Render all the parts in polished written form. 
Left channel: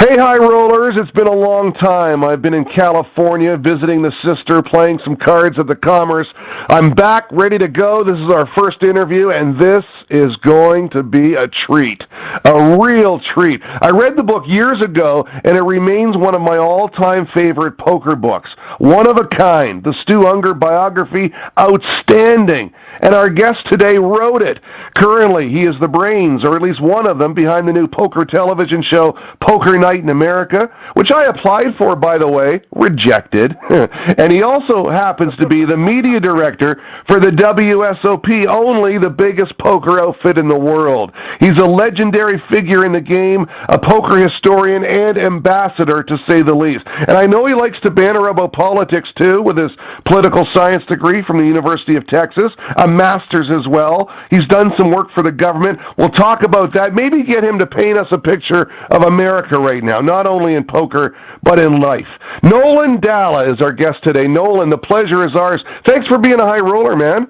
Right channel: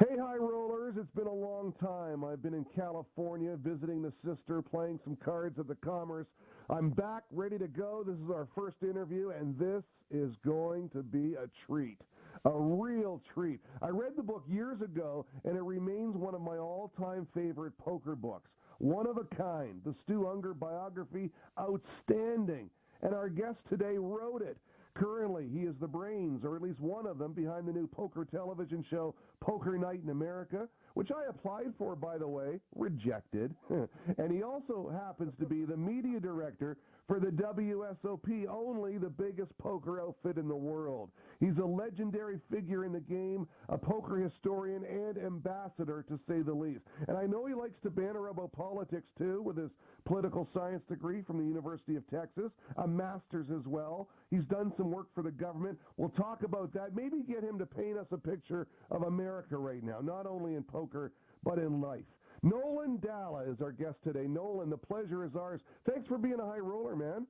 Hey, high rollers, it's been a long time. I've been in California visiting the sister, playing some cards at the Commerce. I'm back, ready to go. This is our first interview, and this is going to be a treat. A real treat. I read the book years ago, and it remains one of my all-time favorite poker books. One of a kind. The Stu Ungar biography, outstanding. And our guest today wrote it. Currently, he is the brains, or at least one of them, behind the new poker television show, Poker Night in America, which I applied for, by the way, rejected. And he also happens to be the media director for the WSOP, only the biggest poker outfit in the world. He's a legendary figure in the game, a poker historian and ambassador, to say the least. And I know he likes to banter about politics, too, with his political science degree from the University of Texas, a master's as well. He's done some work for the government. We'll talk about that. Maybe get him to paint us a picture of America right now, not only in poker, but in life. Nolan Dalla is our guest today. Nolan, the pleasure is ours. Thanks for being a high roller, man.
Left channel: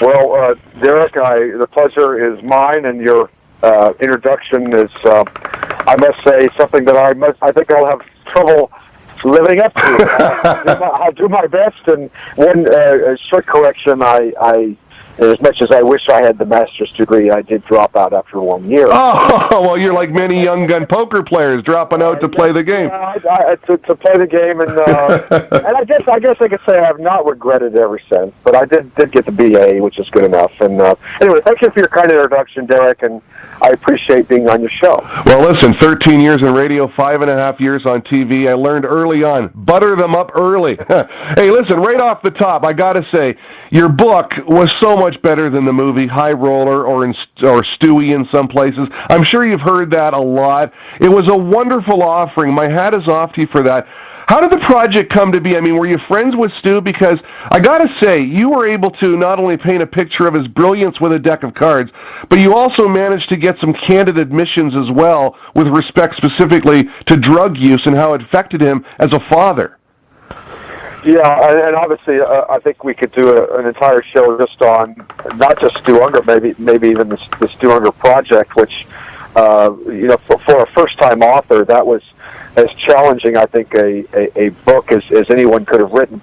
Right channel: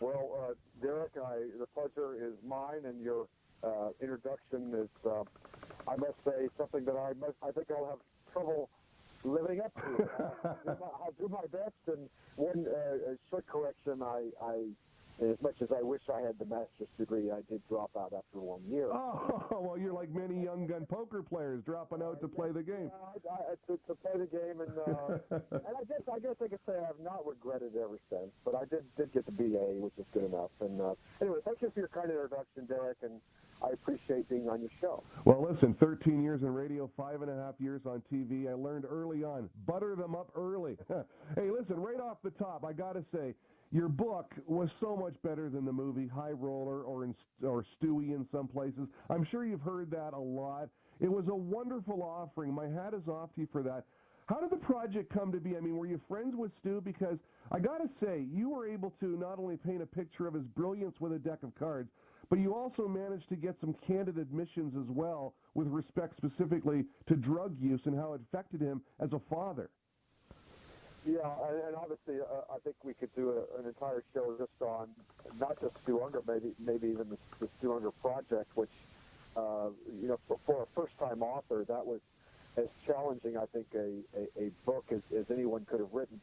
Well, Derek, the pleasure is mine, and your introduction is, I must say, something that I think I'll have trouble living up to. I'll do my best, and one short correction, I as much as I wish I had the master's degree, I did drop out after 1 year. Oh, well, you're like many young gun poker players, dropping out to play the game. To play the game, and and I guess I could say I have not regretted it ever since, but I did get the BA, which is good enough. And anyway, thank you for your kind introduction, Derek, and I appreciate being on your show. Well, listen, 13 years in radio, 5.5 years on TV. I learned early on, butter them up early. Hey, listen, right off the top, I got to say, your book was so much better than the movie High Roller or Stewie in some places. I'm sure you've heard that a lot. It was a wonderful offering. My hat is off to you for that. How did the project come to be? I mean, were you friends with Stu? Because I got to say, you were able to not only paint a picture of his brilliance with a deck of cards, but you also managed to get some candid admissions as well with respect specifically to drug use and how it affected him as a father. Yeah, and obviously, I think we could do an entire show just on not just Stu Ungar, maybe even the Stu Ungar project, which, for a first-time author, that was as challenging, I think, a book as anyone could have written.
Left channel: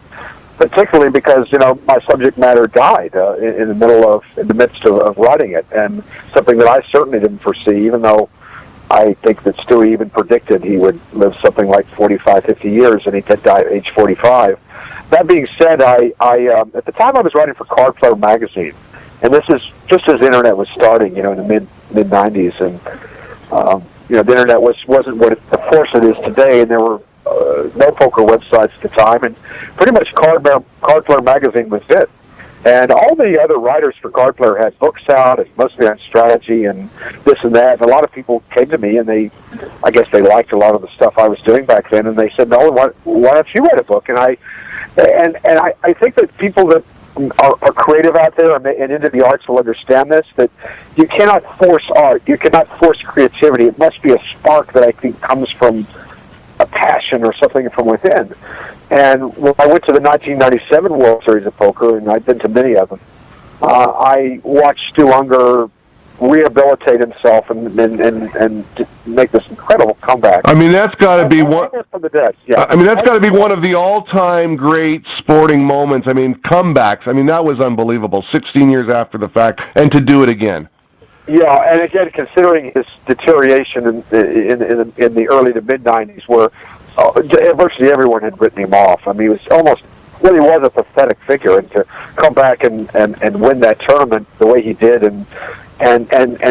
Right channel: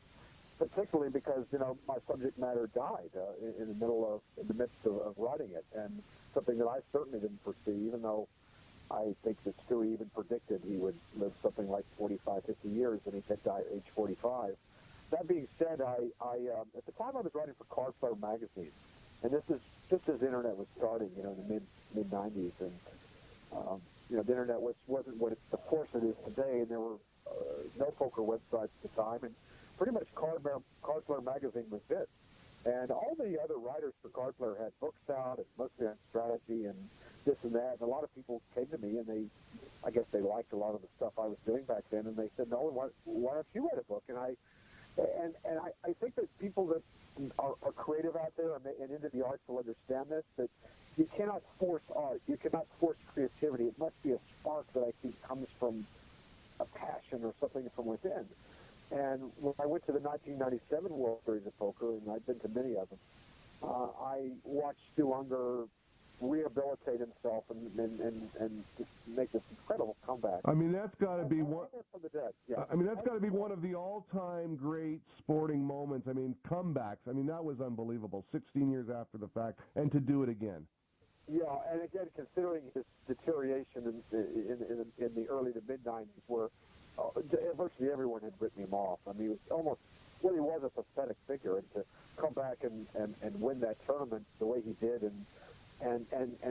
Particularly because my subject matter died in the midst of writing it, and something that I certainly didn't foresee, even though I think that Stewie even predicted he would live something like 45, 50 years, and he did die at age 45. That being said, I at the time I was writing for Card Player magazine, and this is just as the internet was starting, in the mid 90s, and the internet wasn't what the force it is today, and there were no poker websites at the time, and pretty much Card Player magazine was it. And all the other writers for Card Player had books out, and mostly on strategy and this and that. And a lot of people came to me, and I guess they liked a lot of the stuff I was doing back then, and they said, "No, why don't you write a book?" And I think that people that are creative out there and into the arts will understand this, that you cannot force art. You cannot force creativity. It must be a spark that I think comes from a passion or something from within. And when I went to the 1997 World Series of Poker, and I've been to many of them, I watched Stu Ungar rehabilitate himself and make this incredible comeback. I mean, that's got to be one from the dead. Yeah. I mean, that's got to be one of the all-time great sporting moments. I mean, comebacks. I mean, that was unbelievable. 16 years after the fact, and to do it again. Yeah, and again, considering his deterioration in the early to mid 90s, where virtually everyone had written him off. I mean, he was really was a pathetic figure, and to come back and win that tournament the way he did, and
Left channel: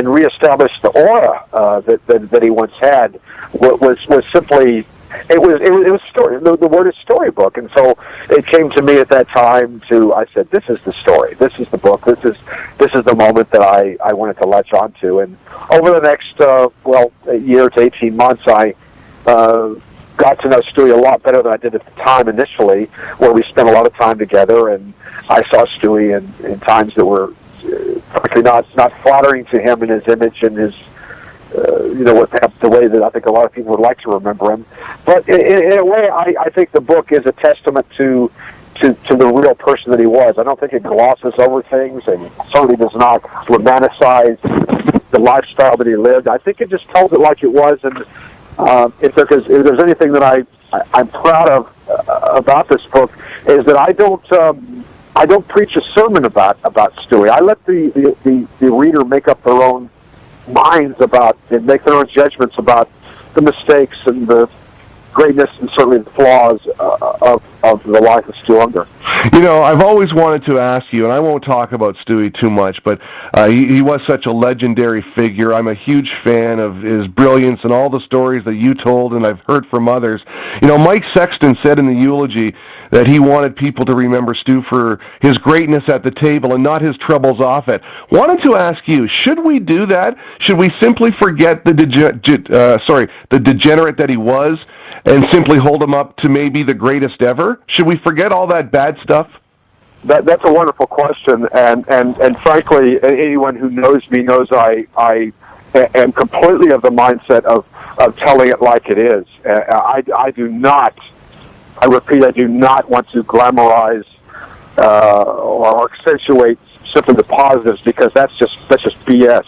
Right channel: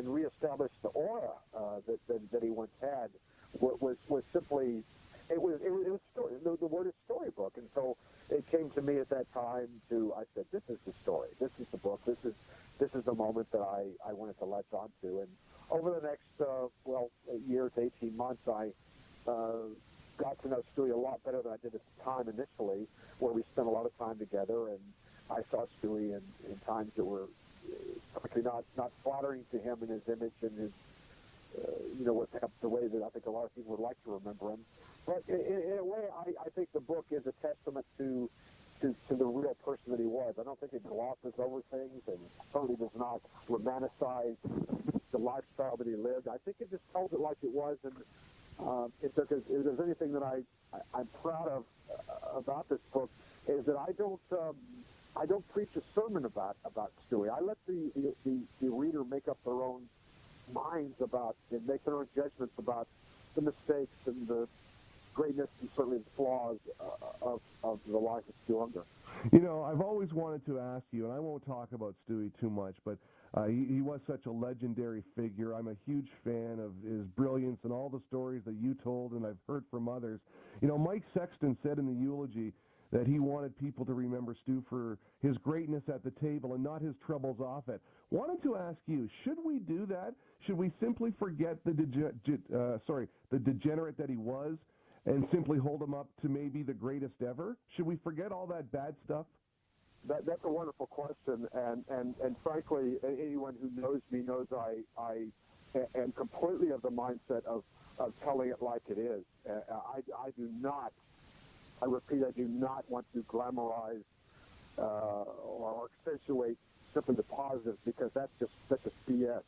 reestablish the aura that he once had was simply it was story. The word is storybook, and so it came to me at that time. I said, this is the story. This is the book. This is the moment that I wanted to latch onto. And over the next a year to 18 months, I got to know Stewie a lot better than I did at the time initially, where we spent a lot of time together, and I saw Stewie in times that were frankly not flattering to him and his image and his the way that I think a lot of people would like to remember him. But in a way, I think the book is a testament to the real person that he was. I don't think it glosses over things, and certainly does not romanticize the lifestyle that he lived. I think it just tells it like it was, and if there's anything that I'm proud of about this book, is that I don't preach a sermon about Stewie. I let the reader make up their own minds about and make their own judgments about the mistakes and the greatness and certainly the flaws of the life of Stu Ungar. You know, I've always wanted to ask you, and I won't talk about Stewie too much, but he was such a legendary figure. I'm a huge fan of his brilliance and all the stories that you told, and I've heard from others. You know, Mike Sexton said in the eulogy that he wanted people to remember Stu for his greatness at the table and not his troubles off it. Wanted to ask you, should we do that? Should we simply forget the degenerate that he was and simply hold him up to maybe the greatest ever? Should we forget all that bad stuff? That's a wonderful question, and frankly, anyone who knows me knows I am completely of the mindset of telling it like it is. I do not, I repeat, I do not want to glamorize or accentuate simply the positives, because that's just BS.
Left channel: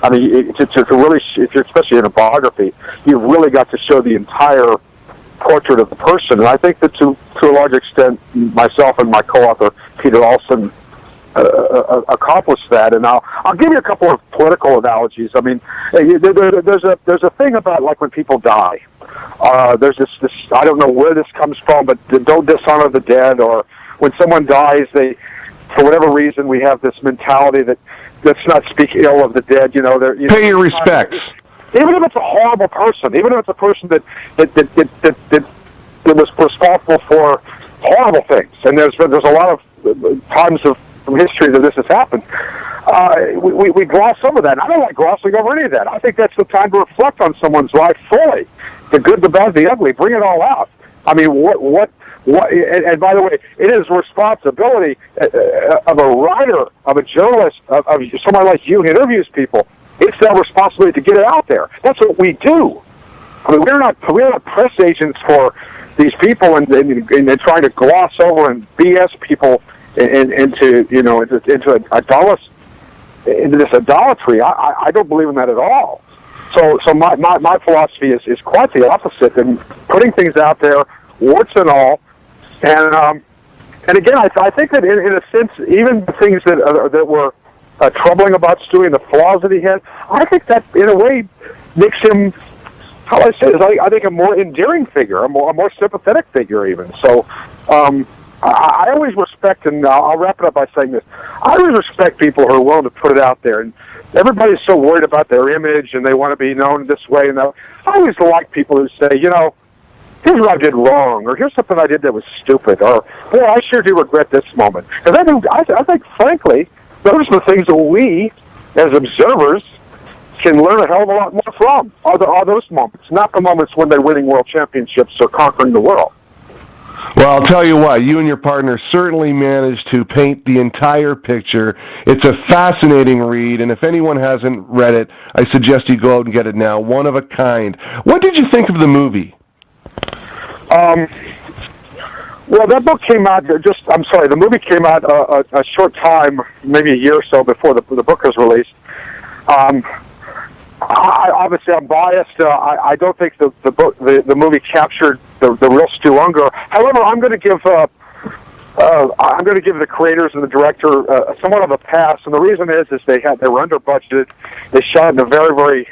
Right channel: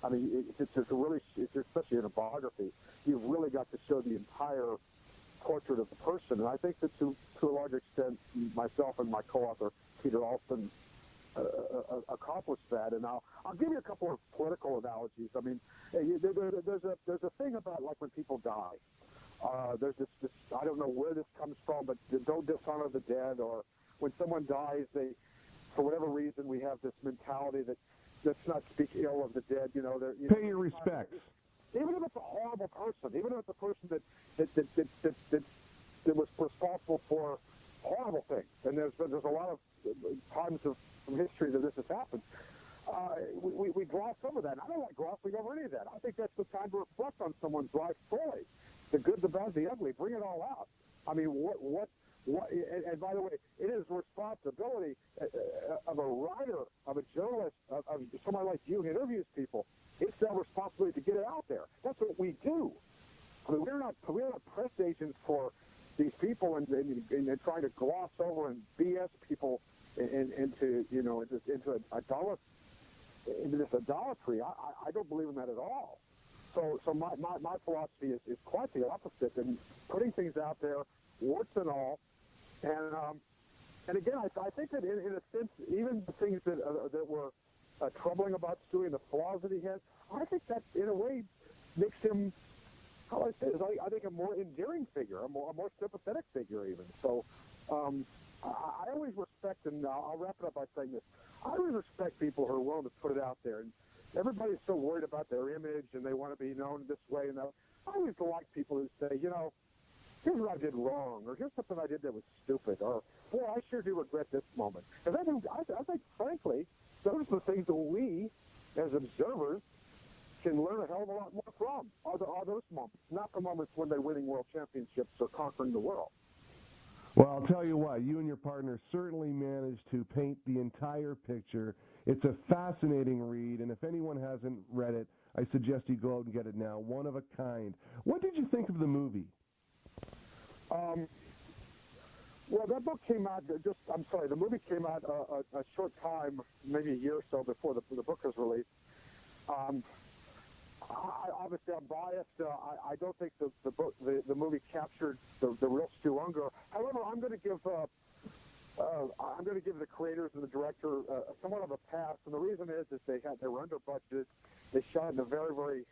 I mean, to really, if you're especially in a biography, you've really got to show the entire portrait of the person. And I think that to a large extent, myself and my co-author, Peter Olson, accomplished that. And I'll give you a couple of political analogies. I mean, there's a thing about, like, when people die. There's this I don't know where this comes from, but don't dishonor the dead. Or when someone dies, for whatever reason, we have this mentality that let's not speak ill of the dead. You know, pay your respects. Even if it's a horrible person, even if it's a person that was responsible for horrible things, and there's a lot of times from history that this has happened. We gloss over that. And I don't like glossing over any of that. I think that's the time to reflect on someone's life fully, the good, the bad, the ugly. Bring it all out. I mean, what? And by the way, it is responsibility of a writer, of a journalist, of somebody like you who interviews people. It's their responsibility to get it out there. That's what we do. I mean, we're not press agents for these people and trying to gloss over and BS people into this idolatry. I don't believe in that at all. So my philosophy is quite the opposite, and putting things out there, warts and all. And again, I think that in a sense, even the things that were troubling about Stewie and the flaws that he had, I think that in a way makes him, how I say it, I think a more endearing figure, a more sympathetic figure even. So I always respect, and I'll wrap it up by saying this, I always respect people who are willing to put it out there. And everybody's so worried about their image and they want to be known this way. And I always like people who say, you know, here's what I did wrong, or here's something I did that was stupid, or, boy, I sure do regret this moment. Because I think, frankly, those are the things that we, as observers, can learn a hell of a lot more from, are those moments, not the moments when they're winning world championships or conquering the world. Well, I'll tell you what, you and your partner certainly managed to paint the entire picture. It's a fascinating read, and if anyone hasn't read it, I suggest you go out and get it now. One of a kind. What did you think of the movie? Well, that book came out the movie came out a short time, maybe a year or so before the book was released. Obviously, I'm biased. I don't think the movie captured the real Stu Ungar. However, I'm going to give the creators and the director somewhat of a pass, and the reason is they were under budgeted. They shot in a very, very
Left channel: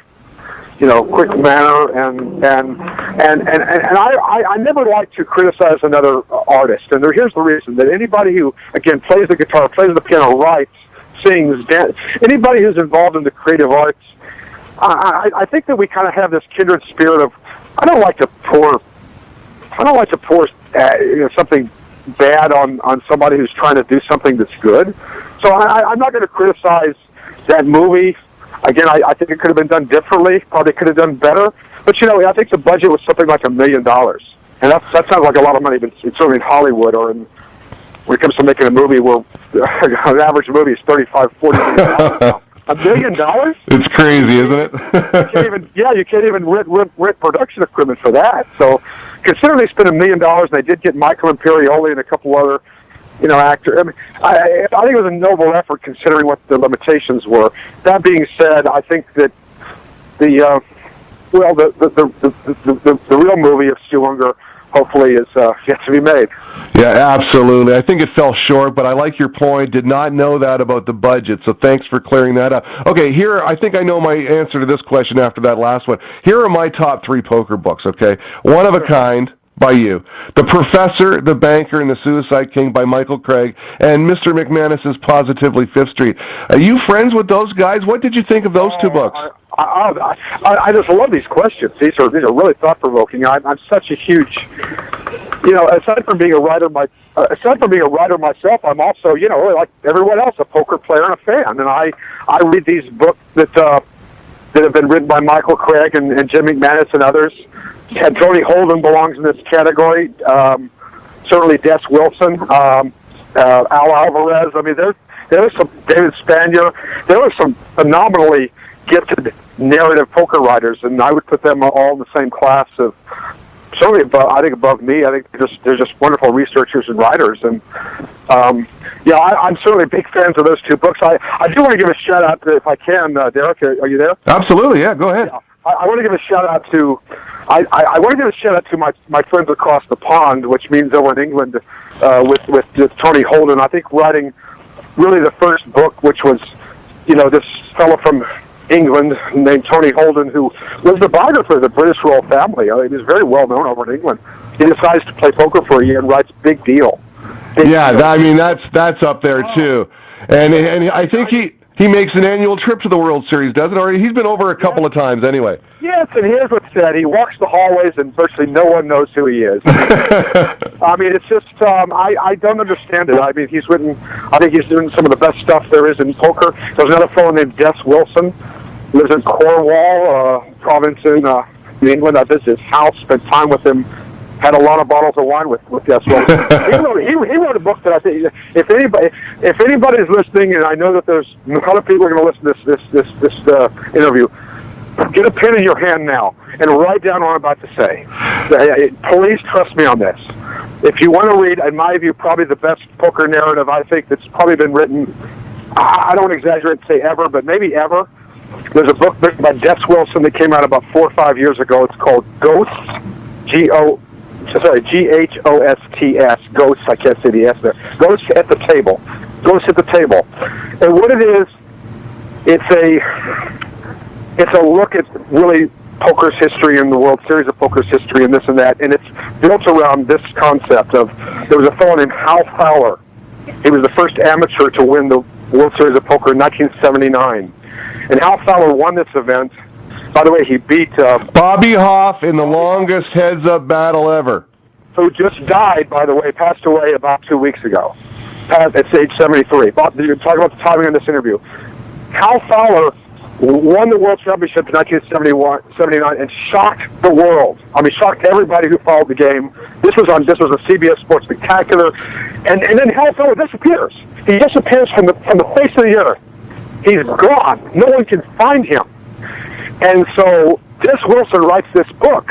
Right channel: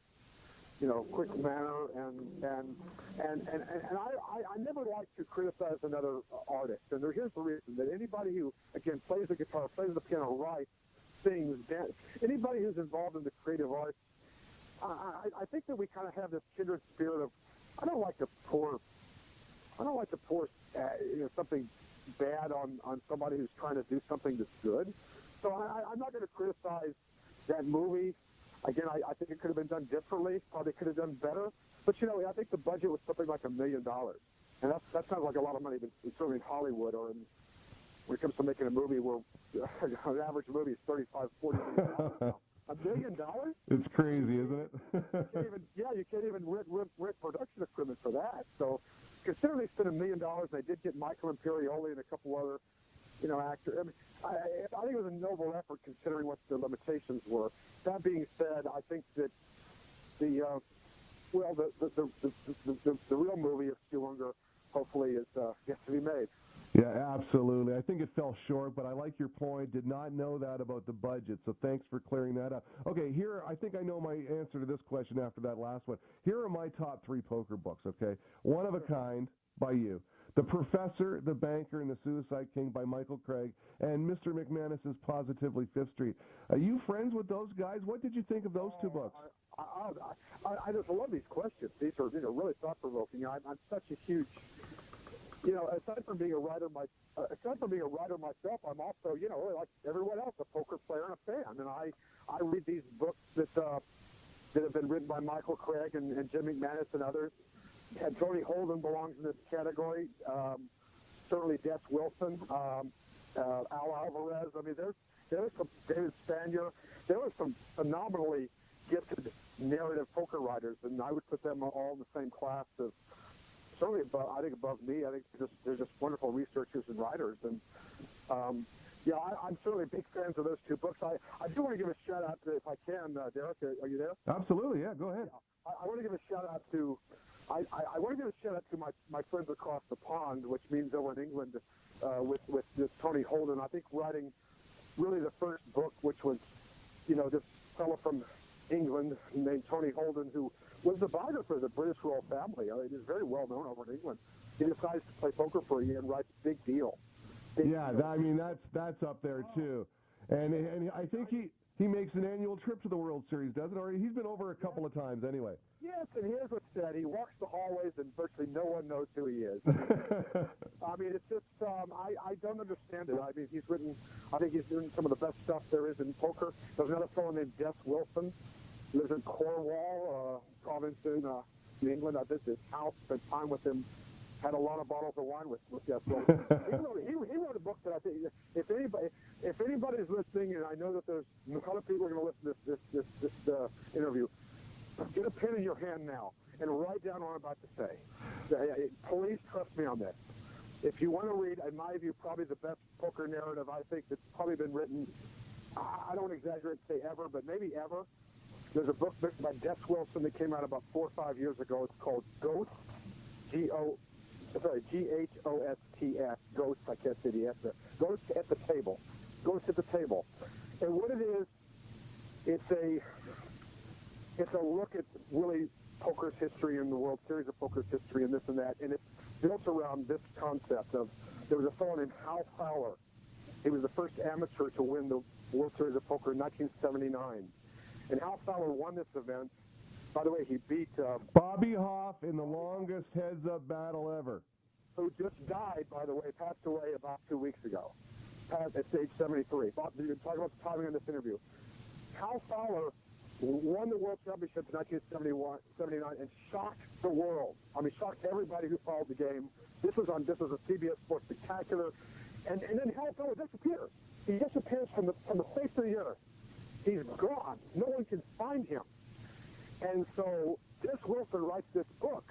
quick manner, and I never like to criticize another artist. And here's the reason: that anybody who, again, plays the guitar, plays the piano, writes, sings, anybody who's involved in the creative arts, I think that we kind of have this kindred spirit of I don't like to pour something bad on somebody who's trying to do something that's good. So I'm not going to criticize that movie. Again, I think it could have been done differently. Probably could have done better. But, I think the budget was something like $1 million. And that sounds like a lot of money, but it's certainly in Hollywood or when it comes to making a movie where an average movie is $35, $40 million. $1 million? It's crazy, isn't it? You can't even rent production equipment for that. So considering they spent $1 million, and they did get Michael Imperioli and a couple other actor. I mean, I think it was a noble effort considering what the limitations were. That being said, I think that the Well, the real movie of Stu Ungar hopefully is yet to be made. Yeah, absolutely. I think it fell short, but I like your point. Did not know that about the budget, so thanks for clearing that up. Okay, here, I think I know my answer to this question after that last one. Here are my top 3 poker books, okay? One of a Kind by you, The Professor, The Banker, and the Suicide King by Michael Craig, and Mr. McManus's Positively Fifth Street. Are you friends with those guys? What did you think of those 2 books? I just love these questions. These are really thought provoking. I'm such a huge, aside from being a writer myself, I'm also really like everyone else, a poker player and a fan. And I read these books that have been written by Michael Craig and Jim McManus and others. And Tony Holden belongs in this category. Certainly Des Wilson, Al Alvarez. I mean, there was some David Spanier. There were some phenomenally gifted narrative poker writers, and I would put them all in the same class of certainly above me. I think they're just wonderful researchers and writers. And I'm certainly big fans of those 2 books. I do want to give a shout out to, if I can, Derek. Are you there? Absolutely, yeah. Go ahead. Yeah. I want to give a shout out to. I want to give a shout out to my friends across the pond, which means over in England, with Tony Holden. I think writing really the first book, which was, this fellow from England named Tony Holden, who was the biographer of the British royal family. He was very well known over in England. He decides to play poker for a year and writes Big Deal. That's up there too. And I think he makes an annual trip to the World Series, doesn't he? He's been over a couple of times anyway. Yes, and here's what's said. He walks the hallways and virtually no one knows who he is. I mean, it's just, I don't understand it. I mean, I think he's doing some of the best stuff there is in poker. There's another fellow named Des Wilson, lives in Cornwall, province in England. I visited his house, spent time with him, had a lot of bottles of wine with Des Wilson. he wrote a book that I think, if anybody's listening, and I know that there's a lot of people are going to listen to this interview, get a pen in your hand now and write down what I'm about to say. Please trust me on this. If you want to read, in my view, probably the best poker narrative I think that's probably been written, I don't exaggerate to say ever, but maybe ever. There's a book written by Des Wilson that came out about 4 or 5 years ago. It's called Ghosts, Ghosts, Ghosts, I can't say the S there. Ghosts at the Table. Ghosts at the Table. And what it is, it's a look at really poker's history and the World Series of Poker's history and this and that, and it's built around this concept of, there was a fellow named Hal Fowler. He was the first amateur to win the World Series of Poker in 1979. And Hal Fowler won this event. By the way, he beat Bobby Hoff in the longest heads-up battle ever. Who just died, by the way, passed away about 2 weeks ago. At age 73. You're talking about the timing on this interview. Hal Fowler won the World Championship in 1979 and shocked the world. I mean, shocked everybody who followed the game. This was a CBS Sports Spectacular. And then Hal Fowler disappears. He disappears from the face of the earth. He's gone. No one can find him. And so Des Wilson writes this book,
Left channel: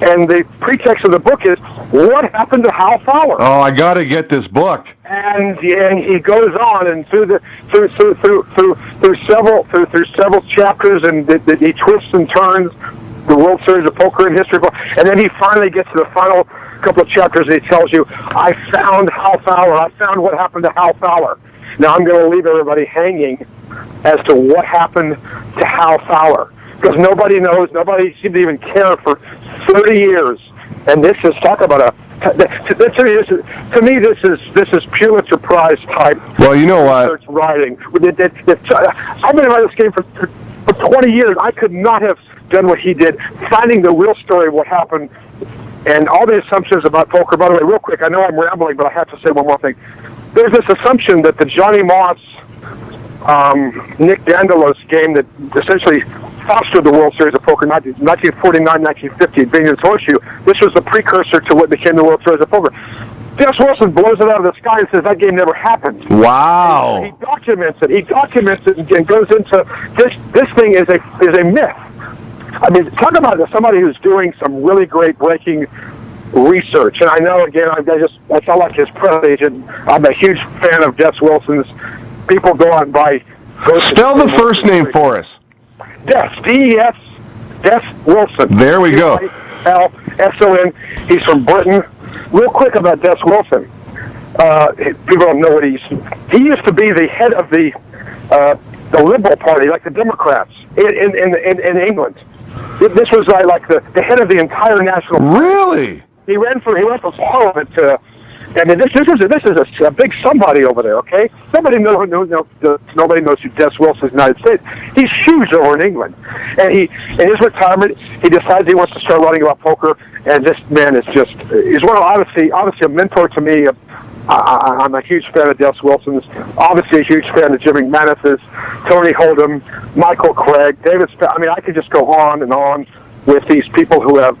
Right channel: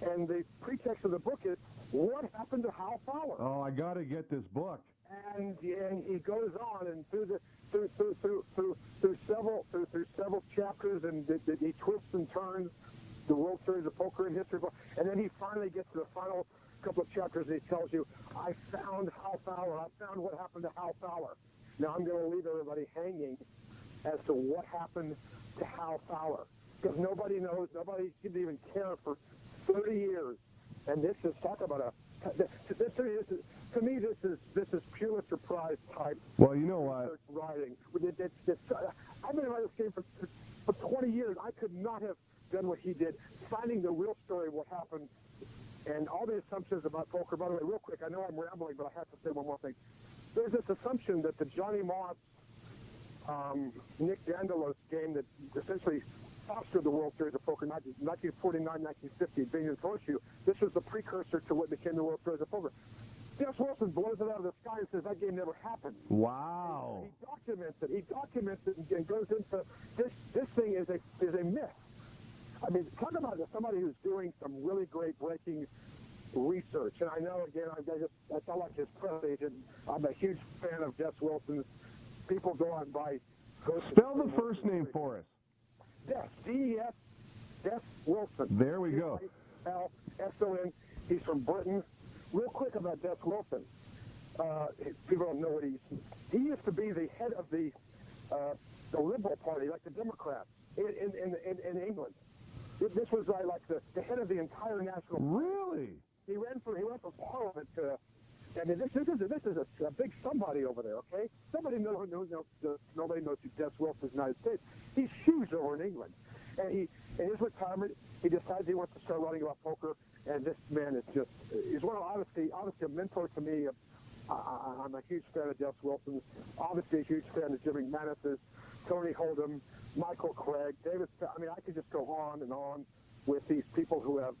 and the pretext of the book is, what happened to Hal Fowler? Oh, I got to get this book. And he goes on, and through several chapters, and he twists and turns the World Series of Poker in history, and then he finally gets to the final couple of chapters, and he tells you, I found Hal Fowler. I found what happened to Hal Fowler. Now I'm going to leave everybody hanging as to what happened to Hal Fowler, because nobody knows. Nobody seemed to even care for 30 years. And this is, talk about to me, this is Pulitzer Prize type. Well, you know what? Research writing. I've been writing this game for 20 years. I could not have done what he did, finding the real story of what happened, and all the assumptions about poker. By the way, real quick, I know I'm rambling, but I have to say one more thing. There's this assumption that the Johnny Moss, Nick Dandelos game that essentially fostered the World Series of Poker, 1949, 1950, Bingham's Horseshoe. This was the precursor to what became the World Series of Poker. Des Wilson blows it out of the sky and says that game never happened. Wow! He documents it. He documents it and goes into this thing is a myth. I mean, talk about somebody who's doing some really great breaking research. And I know, again, I sound like his press agent. I'm a huge fan of Des Wilson's. People go on by. Spell the first name for us. Des, D-E-S, Des Wilson. There we go. L-S-O-N. He's from Britain. Real quick about Des Wilson. People don't know what he used to be the head of the Liberal Party, like the Democrats in England. This was like the head of the entire national party. Really? He went for Parliament to. I mean, this is a big somebody over there. Okay, nobody knows who Des Wilson is in the United States. He's huge over in England, and in his retirement, he decides he wants to start writing about poker. And this man is he's one of obviously a mentor to me. I'm a huge fan of Des Wilson's. Obviously, a huge fan of Jimmy Manis's, Tony Hold'em, Michael Craig, David. I mean, I could just go on and on with these people who have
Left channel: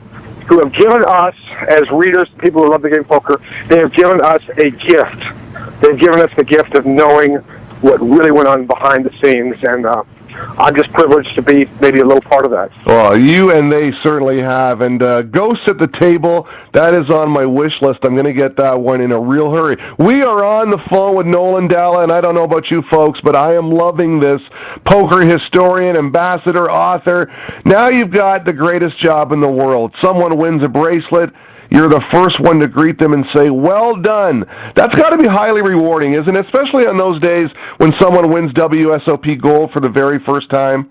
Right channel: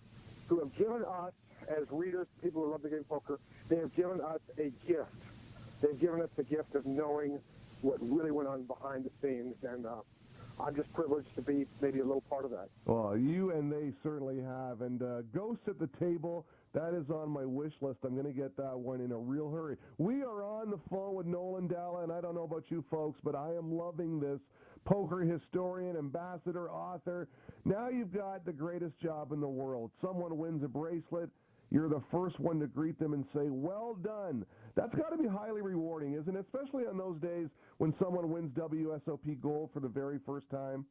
given us, as readers, people who love the game of poker, they have given us a gift. They've given us the gift of knowing what really went on behind the scenes, and I'm just privileged to be maybe a little part of that. Well, you and they certainly have. And Ghosts at the Table, that is on my wish list. I'm going to get that one in a real hurry. We are on the phone with Nolan Dalla, and I don't know about you folks, but I am loving this. Poker historian, ambassador, author. Now you've got the greatest job in the world. Someone wins a bracelet. You're the first one to greet them and say, well done. That's got to be highly rewarding, isn't it? Especially on those days when someone wins WSOP gold for the very first time.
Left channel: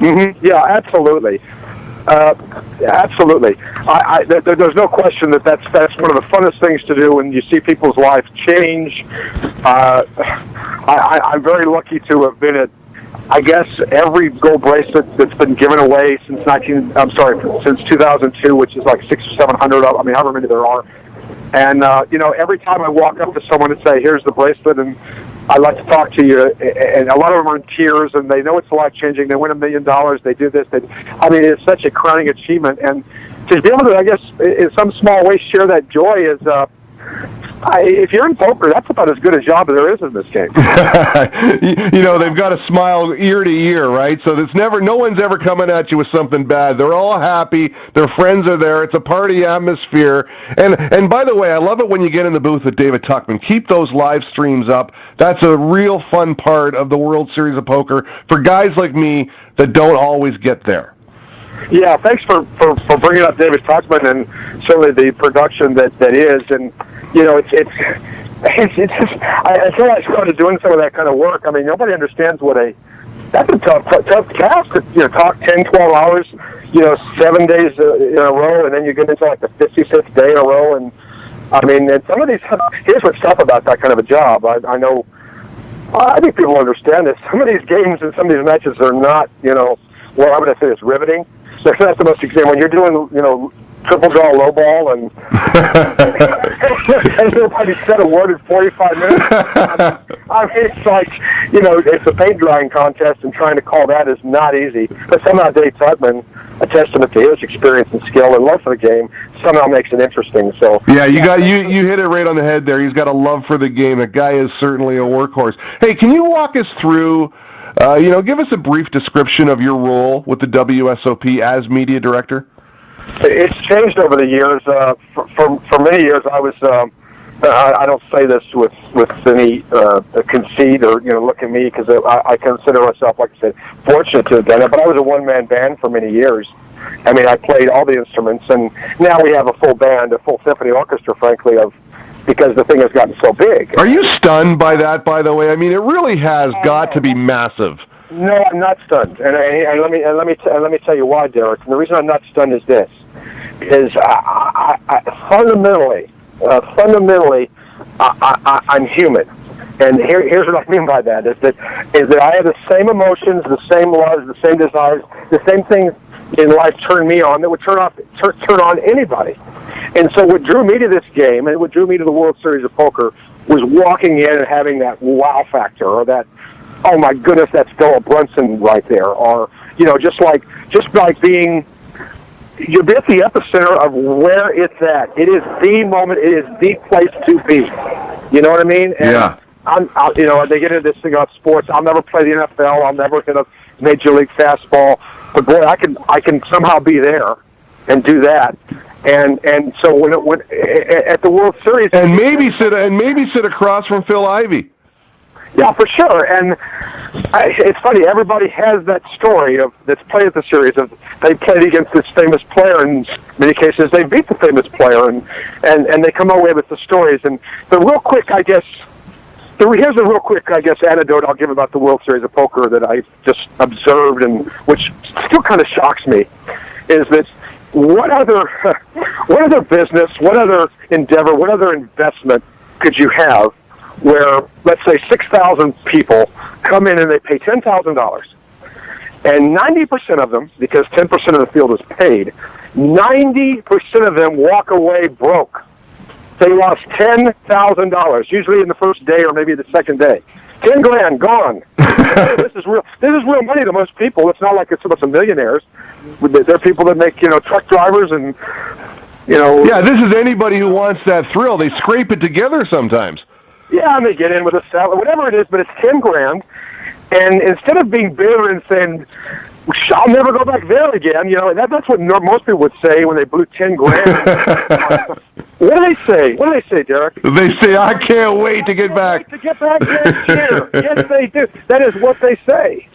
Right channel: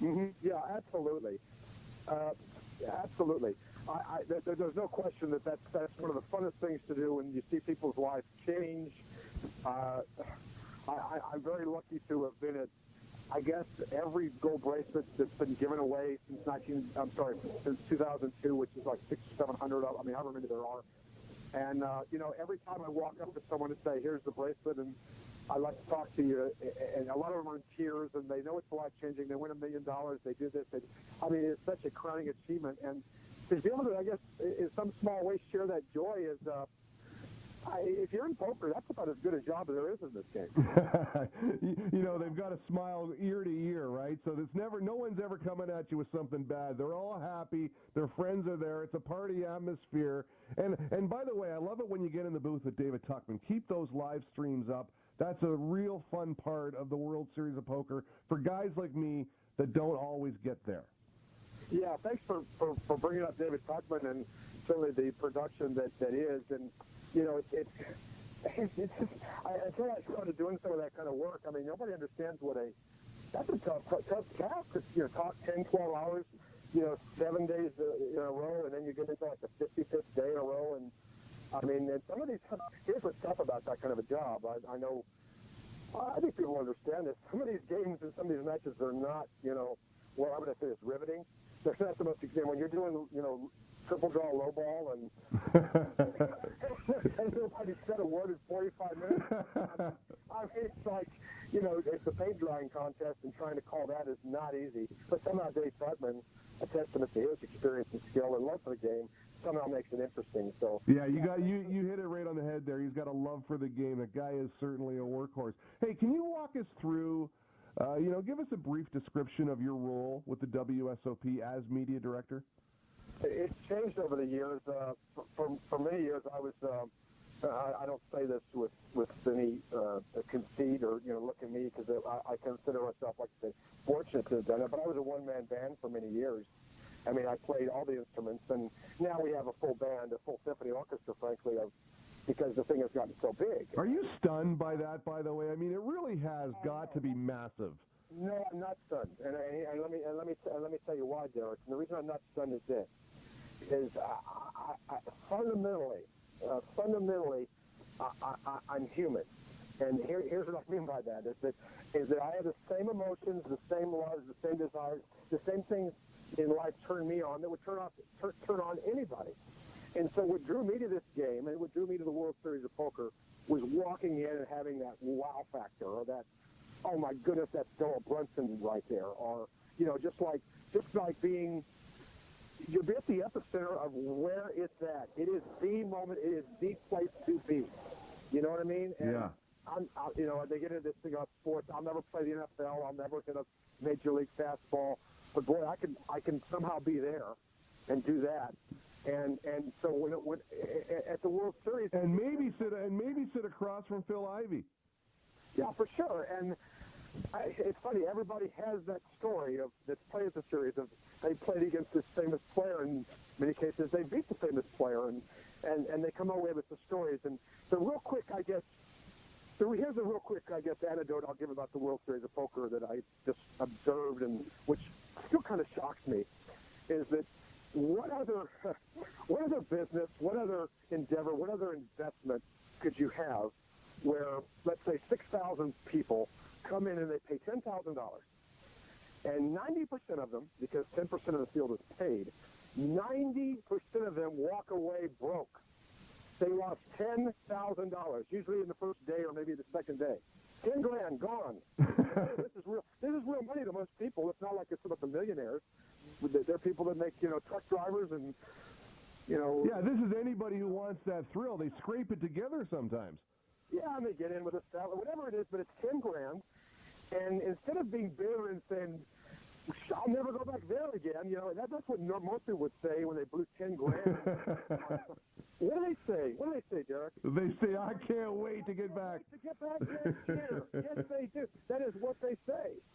Mm-hmm. Yeah, absolutely. Absolutely. There's no question that's one of the funnest things to do when you see people's lives change. I'm very lucky to have been at, I guess, every gold bracelet that's been given away since 2002, which is like 600 or 700. I mean, however many there are. And every time I walk up to someone and say, "Here's the bracelet," and I'd like to talk to you, and a lot of them are in tears, and they know it's life-changing. They win $1 million. They do this. I mean, it's such a crowning achievement, and to be able to, I guess, in some small way, share that joy is. If you're in poker, that's about as good a job as there is in this game. They've got to smile ear to ear, right? So no one's ever coming at you with something bad. They're all happy. Their friends are there. It's a party atmosphere. And by the way, I love it when you get in the booth with David Tuchman. Keep those live streams up. That's a real fun part of the World Series of Poker for guys like me that don't always get there. Yeah, thanks for bringing up David Tuchman and certainly the production that is. And it's just, I feel like I started doing some of that kind of work. I mean, nobody understands that's a tough task to talk 10, 12 hours, 7 days in a row, and then you get into like the 56th day in a row. And I mean, and some of these, here's what's tough about that kind of a job. I think people understand this. Some of these games and some of these matches are not, I'm going to say it's riveting. So that's the most exciting. When you're doing, triple draw low ball and nobody said a word in 45 minutes. I mean, it's like, it's a paint drying contest, and trying to call that is not easy. But somehow Dave Tuchman, a testament to his experience and skill and love for the game, somehow makes it interesting. So yeah, you hit it right on the head there. He's got a love for the game. The guy is certainly a workhorse. Hey, can you walk us through, give us a brief description of your role with the WSOP as media director? It's changed over the years. For many years, I was. I don't say this with any conceit or look at me, because I consider myself, like I said, fortunate to have done it. But I was a one-man band for many years. I mean, I played all the instruments, and now we have a full band, a full symphony orchestra, frankly, because the thing has gotten so big. Are you stunned by that, by the way? I mean, it really has got to be massive. No, I'm not stunned, and let me tell you why, Derek. And the reason I'm not stunned is this: I fundamentally, I'm human, and here's what I mean by that: is that I have the same emotions, the same loves, the same desires, the same things in life turn me on that would turn on anybody. And so, what drew me to this game, and what drew me to the World Series of Poker, was walking in and having that wow factor, or that, oh my goodness, that's Philip Brunson right there, or just like being, you're at the epicenter of where it's at. It is the moment. It is the place to be. You know what I mean? And yeah. They get into this thing about sports. I'll never play the NFL. I'll never hit a major league fastball. But boy, I can somehow be there and do that. And so when at the World Series, and maybe sit across from Phil Ivey. Yeah, for sure. And it's funny. Everybody has that story that's played at the series of they played against this famous player. In many cases, they beat the famous player, and they come away with the stories. And the real quick, I guess. Here's a real quick, I guess, anecdote I'll give about the World Series of Poker that I just observed, and which still kind of shocks me, is that what other business, what other endeavor, what other investment could you have where, let's say, 6,000 people come in and they pay $10,000, and 90% of them, because 10% of the field is paid, 90% of them walk away broke. They lost $10,000, usually in the first day or maybe the second day. $10,000 gone. This is real money to most people. It's not like it's a bunch of millionaires. They're people that make truck drivers and Yeah, this is anybody who wants that thrill. They scrape it together sometimes. Yeah, and they get in with a salad, whatever it is, but it's $10,000. And instead of being bitter and saying, I'll never go back there again, that's what most people would say when they blew $10,000. What do they say? What do they say, Derek? They say, I can't wait to get back. To get back next year. Yes, they do. That is what they say.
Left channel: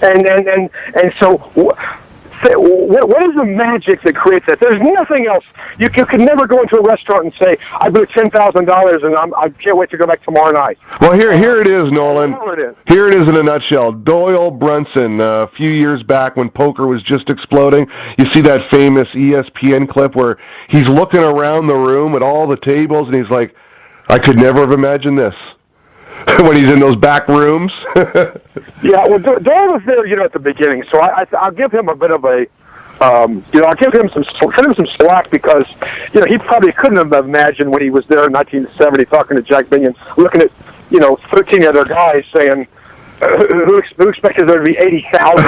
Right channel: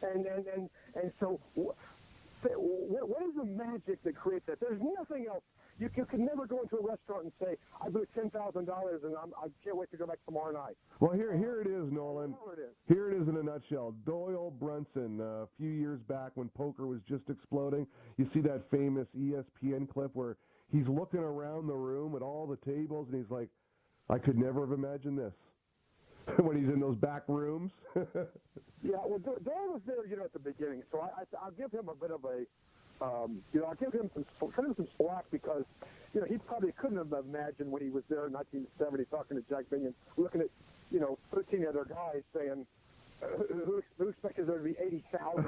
And so what is the magic that creates that? There's nothing else. You can never go into a restaurant and say, I blew $10,000 and I can't wait to go back tomorrow night. Well, here it is, Nolan. Here it is in a nutshell. Doyle Brunson, a few years back when poker was just exploding, you see that famous ESPN clip where he's looking around the room at all the tables and he's like, I could never have imagined this. When he's in those back rooms. Yeah, well, Doyle was there, at the beginning, so I'll give him a bit of a, I'll give him some slack because, he probably couldn't have imagined when he was there in 1970 talking to Jack Binion, looking at, 13 other guys saying, who expected there to be 80,000?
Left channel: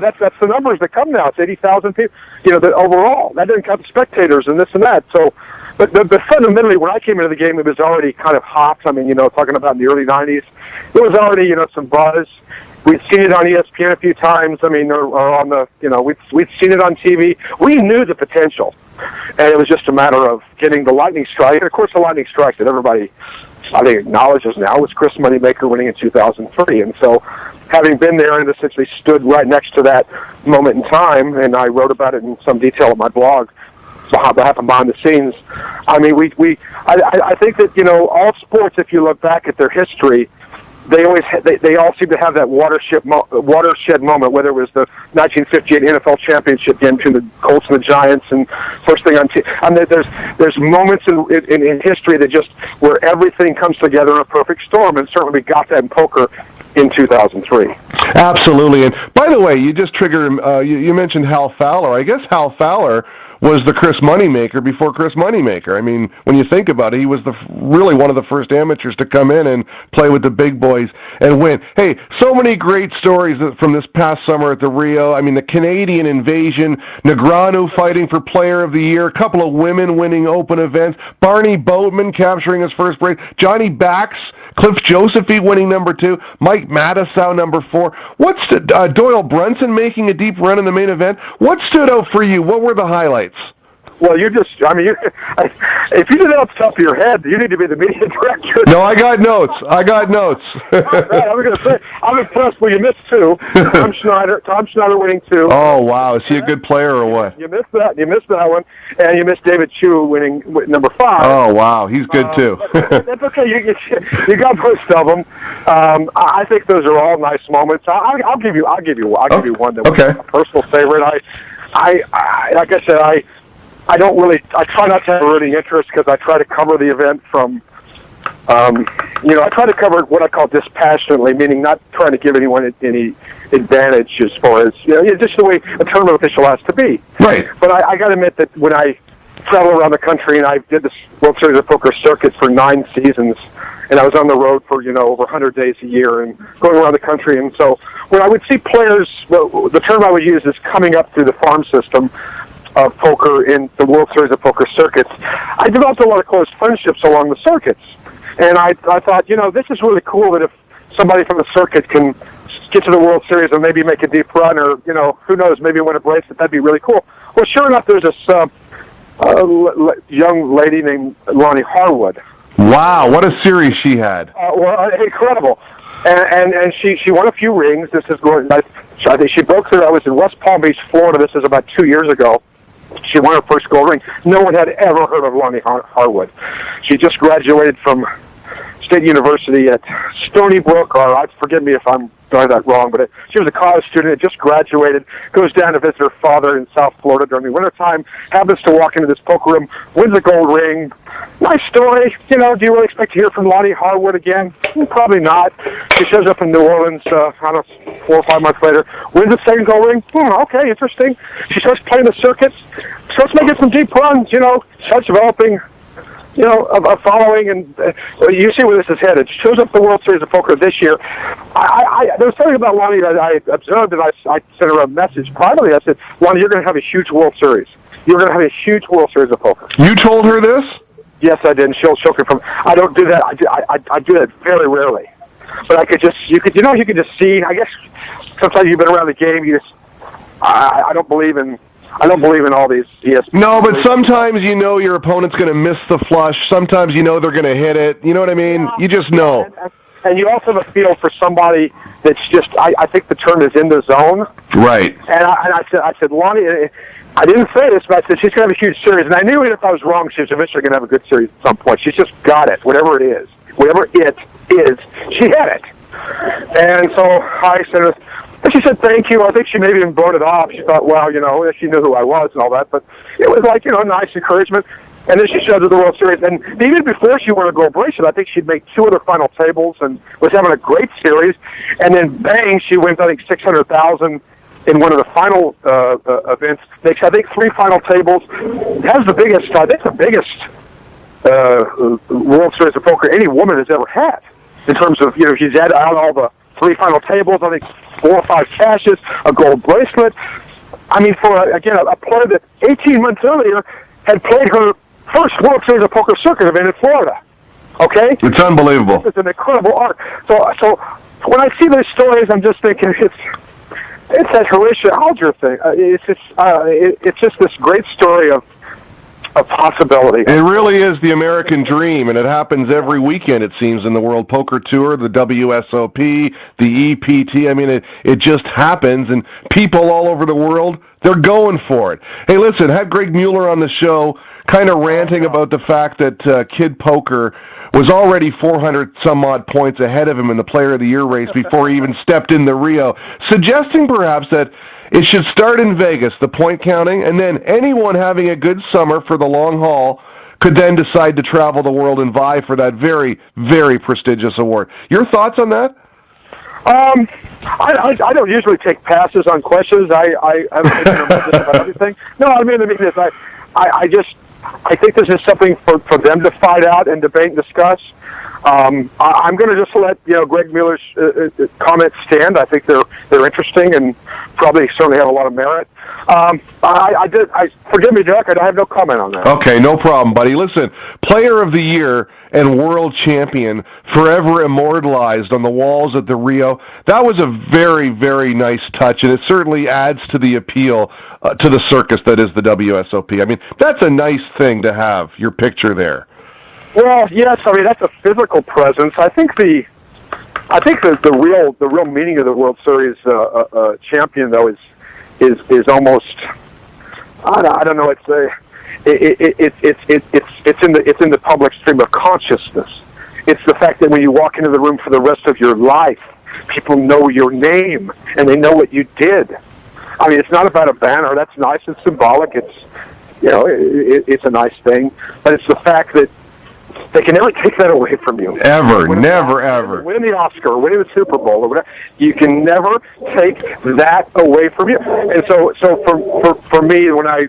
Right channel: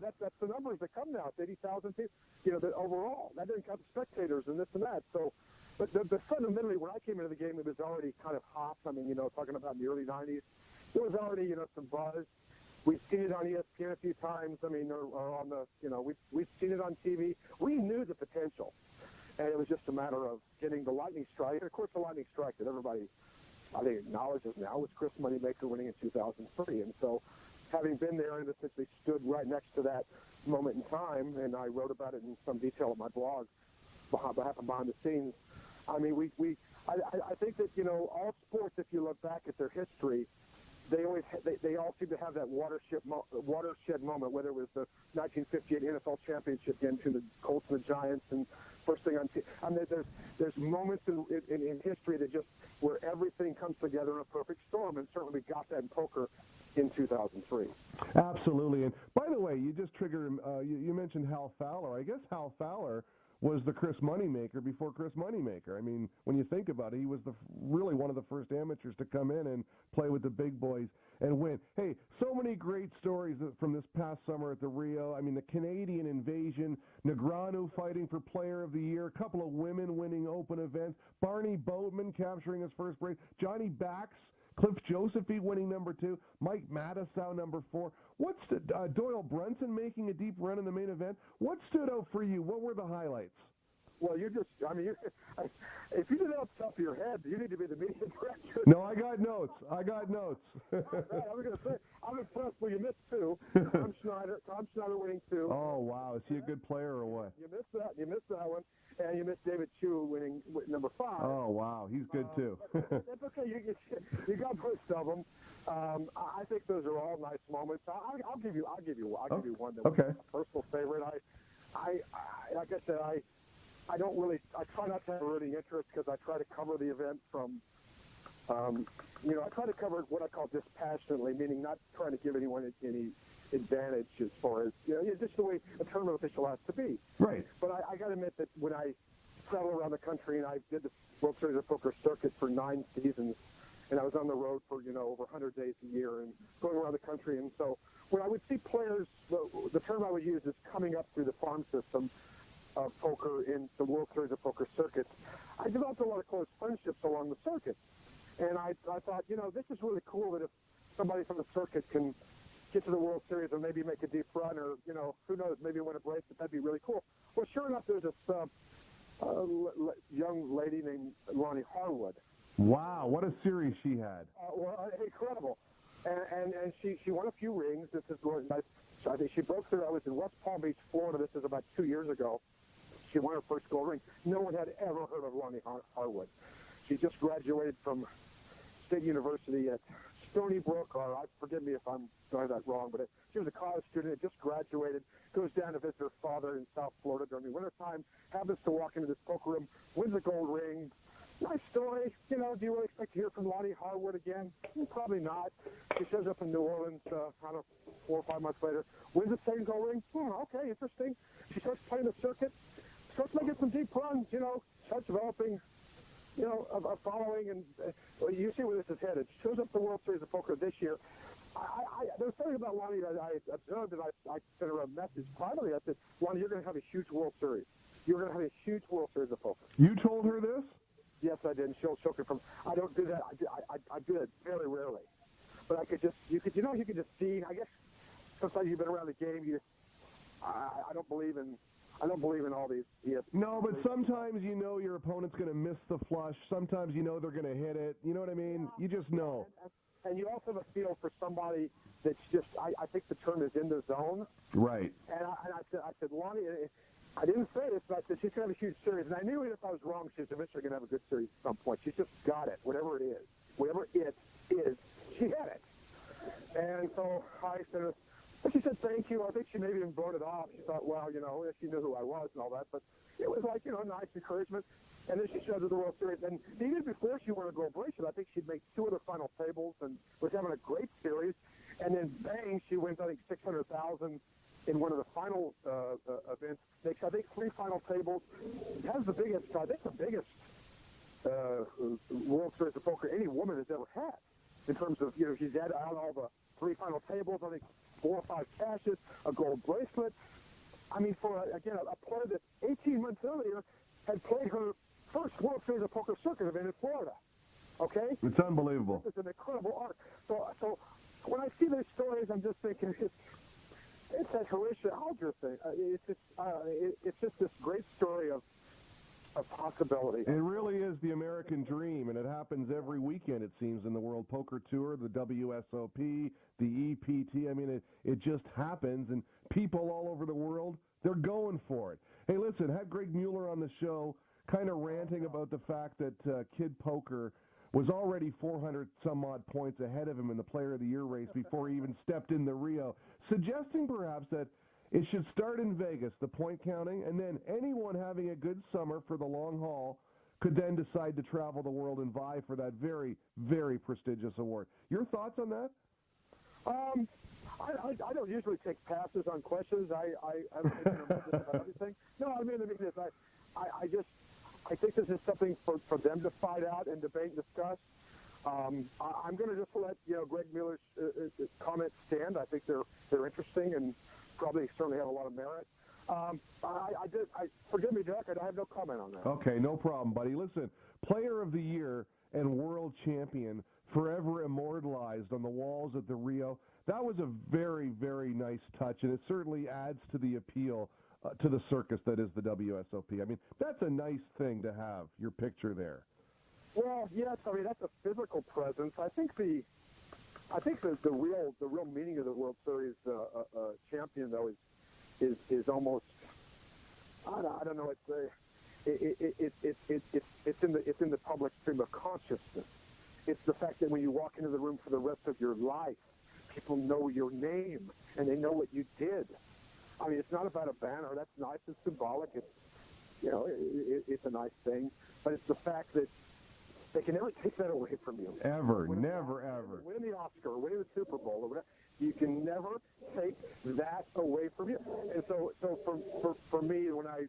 That's the numbers that come now. It's 80,000 people, overall. That didn't count the spectators and this and that, so. But fundamentally, when I came into the game, it was already kind of hot. I mean, talking about in the early 90s, it was already, some buzz. We'd seen it on ESPN a few times. I mean, or on the, we'd seen it on TV. We knew the potential. And it was just a matter of getting the lightning strike. And, of course, the lightning strike that everybody, I think, acknowledges now was Chris Moneymaker winning in 2003. And so having been there and essentially stood right next to that moment in time, and I wrote about it in some detail on my blog, what happened behind the scenes. I mean, I think that all sports, if you look back at their history, they all seem to have that watershed moment. Whether it was the 1958 NFL championship game between the Colts and the Giants, and first thing on TV. I mean, there's moments in history that just where everything comes together in a perfect storm, and certainly we got that in poker in 2003. Absolutely. And by the way, you just triggered. You mentioned Hal Fowler. I guess Hal Fowler was the Chris Moneymaker before Chris Moneymaker. I mean, when you think about it, he was really one of the first amateurs to come in and play with the big boys and win. Hey, so many great stories from this past summer at the Rio. I mean, the Canadian invasion, Negreanu fighting for Player of the Year, a couple of women winning open events, Barney Boatman capturing his first break, Johnny Bax, Cliff Josephine winning number 2, Mike Matisow number 4. What's Doyle Brunson making a deep run in the main event? What stood out for you? What were the highlights? Well, if you did it off the top of your head, you need to be the media director. No, I got notes. Right, I was going to say, I'm impressed. Well, you missed 2. Tom Schneider winning 2. Oh, wow. Is he a good player or what? You missed that. You missed that one. And you missed David Chu winning number 5. Oh, wow. He's good, too. That's okay. You got most of them. I think those are all nice moments. I'll give you one that was a personal favorite. Like I said, I try not to have a rooting interest because I try to cover the event from, I try to cover what I call dispassionately, meaning not trying to give anyone any advantage as far as, just the way a tournament official has to be. Right. But I got to admit that when I travel around the country and I did this World Series of Poker circuit for 9 seasons, and I was on the road for, over 100 days a year and going around the country. And so when I would see players, the term I would use is coming up through the farm system of poker in the World Series of Poker circuits, I developed a lot of close friendships along the circuits. And I thought, this is really cool that if somebody from the circuit can get to the World Series and maybe make a deep run or, who knows, maybe win a bracelet, that'd be really cool. Well, sure enough, there's this young lady named Lonnie Harwood. Wow, what a series she had. Incredible. And she won a few rings. This is going. I think she broke through. I was in West Palm Beach, Florida. This is about 2 years ago. She won her first gold ring. No one had ever heard of Lonnie Harwood. She just graduated from State University at Stony Brook, or forgive me if I'm doing that wrong, but she was a college student, had just graduated, goes down to visit her father in South Florida during the wintertime, happens to walk into this poker room, wins a gold ring. Nice story. Do you really expect to hear from Lonnie Harwood again? Probably not. She shows up in New Orleans, I don't know, 4 or 5 months later, wins a second gold ring. Okay, interesting. She starts playing the circuits, starts making some deep runs, starts developing a following, and you see where this is headed. She shows up at the World Series of Poker this year. There was something about Lonnie that I observed, and I sent her a message privately. I said, Lonnie, you're going to have a huge World Series. You're going to have a huge World Series of Poker. You told her this? Yes, I did. And she'll confirm. I don't do that. I do that very rarely. But I could just, you could just see. I guess sometimes you've been around the game. I don't believe in all these ESPN. No, but sometimes your opponent's going to miss the flush. Sometimes they're going to hit it. You know what I mean? You just know. And you also have a feel for somebody that's just, I think the term is in the zone. Right. And I said, Lonnie, I didn't say this, but I said she's going to have a huge series. And I knew if I was wrong, she was eventually going to have a good series at some point. She's just got it, whatever it is. Whatever it is, she had it. And so I said, and she said, thank you. I think she maybe even brought it off. She thought, well, she knew who I was and all that. But it was like, nice encouragement. And then she showed up the World Series. And even before she won a gold bracelet, I think she'd made 2 other final tables and was having a great series. And then, bang, she wins, I think, $600,000 in one of the final events. Makes, I think, 3 final tables. Has the biggest, World Series of Poker any woman has ever had. In terms of, she's had out all the 3 final tables, I think 4 or 5 cashes, a gold bracelet. I mean, for, a player that 18 months earlier had played her first World Series of Poker circuit event in Florida. Okay? It's unbelievable. It's an incredible arc. So when I see those stories, I'm just thinking it's that Horatio Alger thing. It's just this great story of possibility. It really is the American dream, and it happens every weekend, it seems, in the World Poker Tour, the WSOP, the EPT. I mean, it just happens, and people all over the world, they're going for it. Hey, listen, had Greg Mueller on the show kind of ranting about the fact that Kid Poker was already 400-some-odd points ahead of him in the Player of the Year race before he even stepped into Rio, suggesting perhaps that it should start in Vegas, the point counting, and then anyone having a good summer for the long haul could then decide to travel the world and vie for that very, very prestigious award. Your thoughts on that? I don't usually take passes on questions. I have an opinion about everything. No, I mean this. I think this is something for them to fight out and debate and discuss. I'm going to just let Greg Mueller's comments stand. I think they're interesting and probably certainly have a lot of merit. Forgive me, Jack. I have no comment on that. Okay, no problem, buddy. Listen, Player of the Year and World Champion, forever immortalized on the walls at the Rio. That was a very, very nice touch, and it certainly adds to the appeal to the circus that is the WSOP. I mean, that's a nice thing to have your picture there. Well, yes. I mean, that's a physical presence. I think the real meaning of the World Series champion, though, is almost I don't know. It's in the public stream of consciousness. It's the fact that when you walk into the room for the rest of your life, people know your name and they know what you did. I mean, it's not about a banner. That's nice. It's symbolic. It's it's a nice thing, but it's the fact that they can never take that away from you. Ever. Never, ever. Winning the Oscar, winning the Super Bowl, or whatever, you can never take that away from you. And so for me, when I